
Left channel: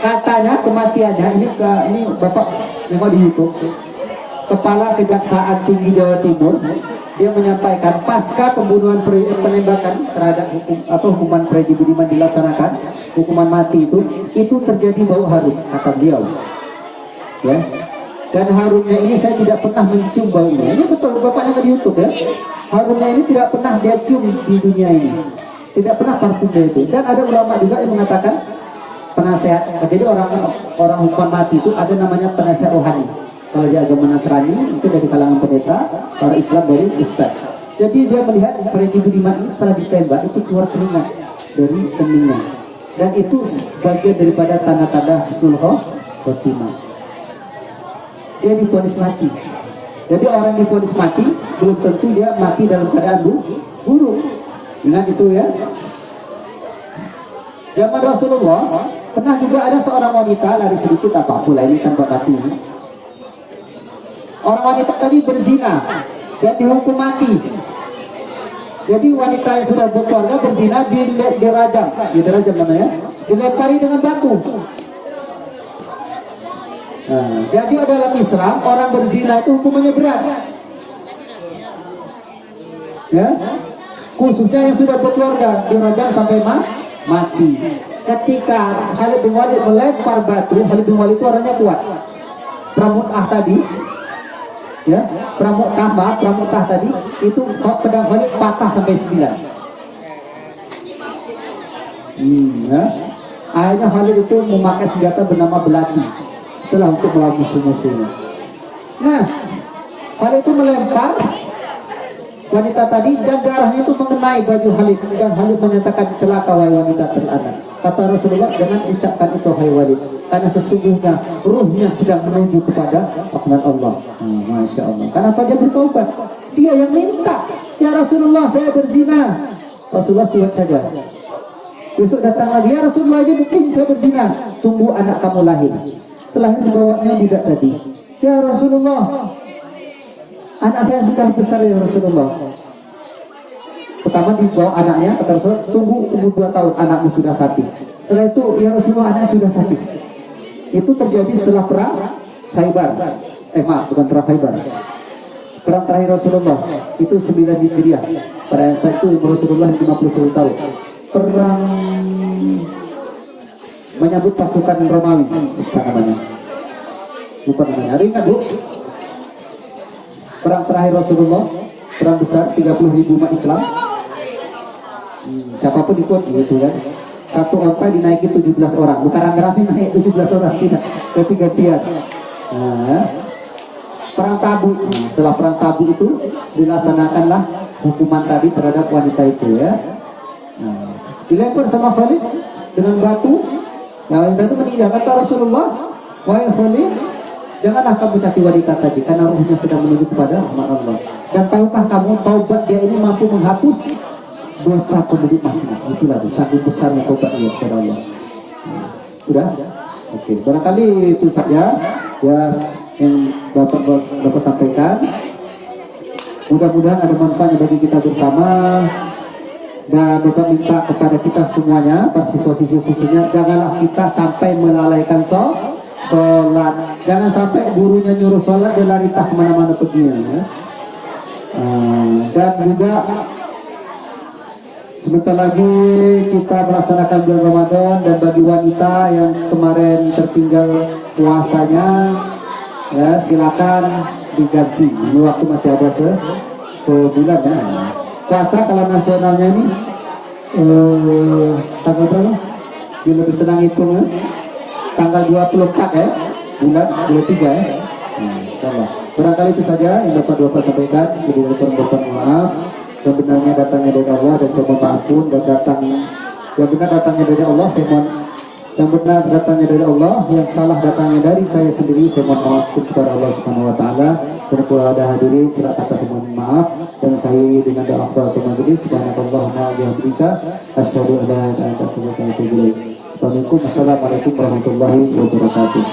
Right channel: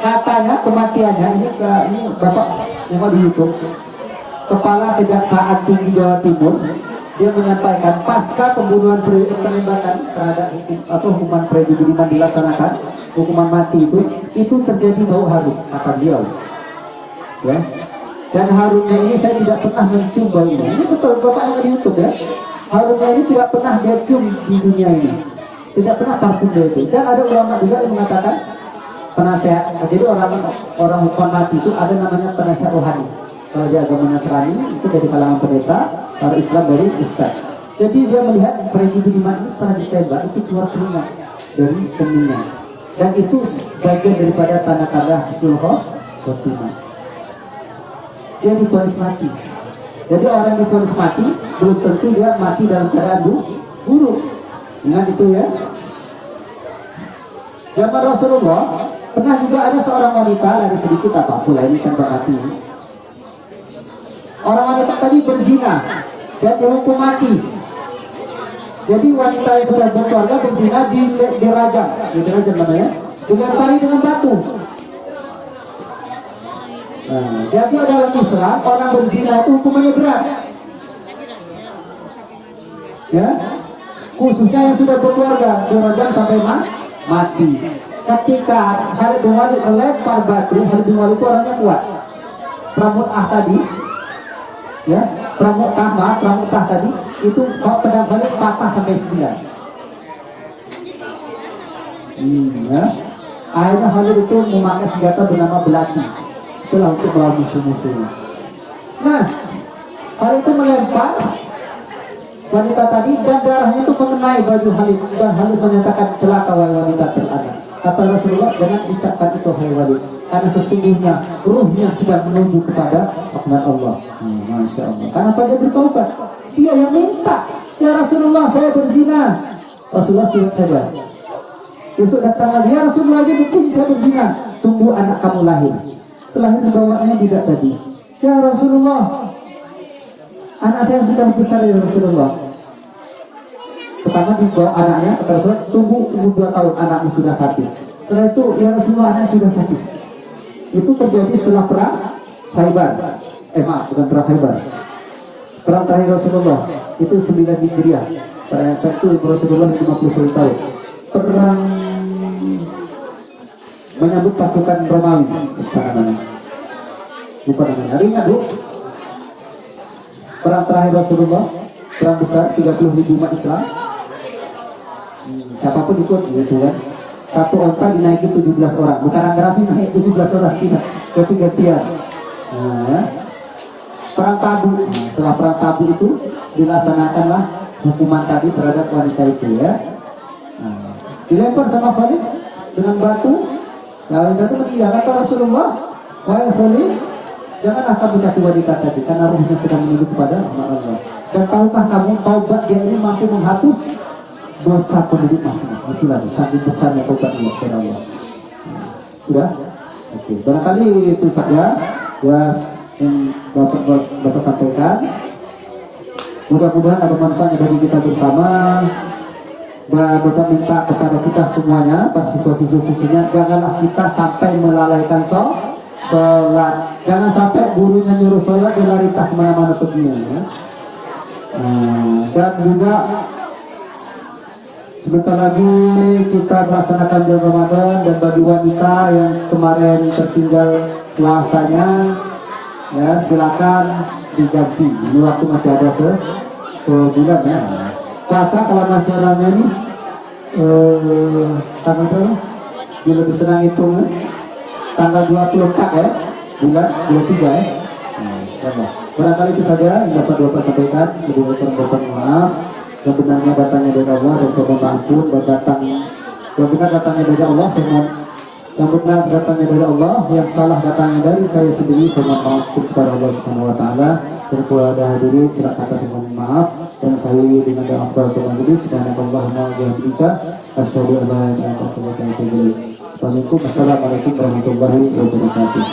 Katanya kematiannya ini bapak nengok di YouTube. Kepala Kejaksaan Tinggi Jawa Timur, dia menyampaikan pasca pembunuhan penembakan terhadap hukuman Freddy Budiman dilaksanakan, hukuman mati itu terjadi bau harum, kata beliau. Ya. Dan harumnya ini saya tidak pernah mencium baunya. Ini betul bapaknya di YouTube ya. Harumnya ini tidak pernah dia cium di dunia ini. Tidak pernah parfum dia itu. Dan ada ulama juga yang mengatakan penasehat. Jadi orang hukuman mati itu ada namanya penasehat rohani. Kalau di agama Nasrani itu dari kalangan pendeta, para Islam dari ustaz. Jadi dia melihat Freddy Budiman ini setelah ditembak itu keluar keringat dari keningnya. Dan itu bagian daripada tanda-tanda husnul khotimah. Dia divonis mati. Jadi orang divonis mati belum tentu dia mati dalam keadaan buruk. Ingat itu ya. Zaman Rasulullah pernah juga ada seorang wanita lari sedikit apa pula ini tanpa mati. orang wanita tadi berzina dan dihukum mati. Jadi wanita yang sudah berkeluarga berzina dirajam namanya, dilempari dengan batu. Nah, jadi dalam Islam orang berzina itu hukumannya berat. Ya, khususnya yang sudah berkeluarga dirajam sampai mati. Ketika Khalid bin Walid melempar batu, Khalid bin Walid itu orangnya kuat. Pramutah tadi, ya, pramutah tadi itu pedang Khalid patah sampai 9. Ya. Akhirnya Khalid itu memakai senjata bernama belati setelah untuk melawan musuh-musuhnya. Nah, Khalid itu melempar wanita tadi dan darahnya itu mengenai baju Khalid, dan Khalid menyatakan, celaka wahai wanita terlantar. Kata Rasulullah, jangan ucapkan itu wahai Walid, karena sesungguhnya ruhnya sedang menuju kepada rahmat Allah. Masya Allah. Kenapa dia bertaubat? Dia yang minta, ya Rasulullah saya berzina. Rasulullah cuek saja. Besok datang lagi, ya Rasulullah ini mungkin saya berzina. Tunggu anak kamu lahir. Setelah itu bawanya tidak tadi. Ya Rasulullah, anak saya sudah besar ya Rasulullah. Pertama dibawa anaknya, kata Rasulullah, tunggu 2 tahun anakmu sudah sakit. Setelah itu, ya Rasulullah anaknya sudah sakit. Itu terjadi setelah perang Khaybar. Bukan perang Khaybar. Perang terakhir Rasulullah itu 9 Hijriah. Pada saat itu Rasulullah 51 tahun. Perang menyambut pasukan Romawi, apa namanya? Lupa namanya. Ada ingat, Bu? Perang terakhir Rasulullah, perang besar 30.000 umat Islam. Siapapun ikut gitu kan. Satu onta dinaiki 17 orang. Bukan Ranggrafi naik 17 orang, tidak, ganti-gantian. Nah, perang Tabu. Setelah perang Tabu itu dilaksanakanlah hukuman tadi terhadap wanita itu ya. Nah, dilempar sama Khalid dengan batu. Ya, wanita itu meninggal. Kata Rasulullah, wahai Khalid, janganlah kamu caci wanita tadi, karena ruhnya sedang menuju kepada Allah. Dan tahukah kamu, taubat dia ini mampu menghapus dosa penduduk Madinah. Itulah sangat besarnya taubat dia kepada Allah. Sudah? Oke. Barangkali itu saja ya yang dapat sampaikan. Mudah-mudahan ada manfaatnya bagi kita bersama. Dan Bapak minta kepada kita semuanya, para siswa-siswa khususnya, janganlah kita sampai melalaikan sholat. Jangan sampai gurunya nyuruh sholat, dia lari tak kemana-mana pergi ya. Dan juga sebentar lagi kita melaksanakan bulan Ramadan, dan bagi wanita yang kemarin tertinggal puasanya, ya silakan diganti. Ini waktu masih ada sebulan ya. Puasa kalau nasionalnya ini tanggal berapa? Dia lebih senang itu tanggal 24 ya, bulan 23 ya. Barangkali itu saja yang dapat Bapak sampaikan. Sebelumnya Bapak maaf, yang benarnya datangnya dari Allah dan saya mohon ampun, dan yang benar datangnya dari Allah, saya mohon, yang benar datangnya dari Allah, yang salah datangnya dari saya sendiri, saya mohon maaf kepada Allah Subhanahu wa taala. Dan kalau ada hadirin silakan kasih mohon maaf, dan saya dengan doa kafaratul majlis, subhanallah wa bihamdika asyhadu an la ilaha illa anta astaghfiruka wa atubu ilaik. Assalamualaikum warahmatullahi wabarakatuh.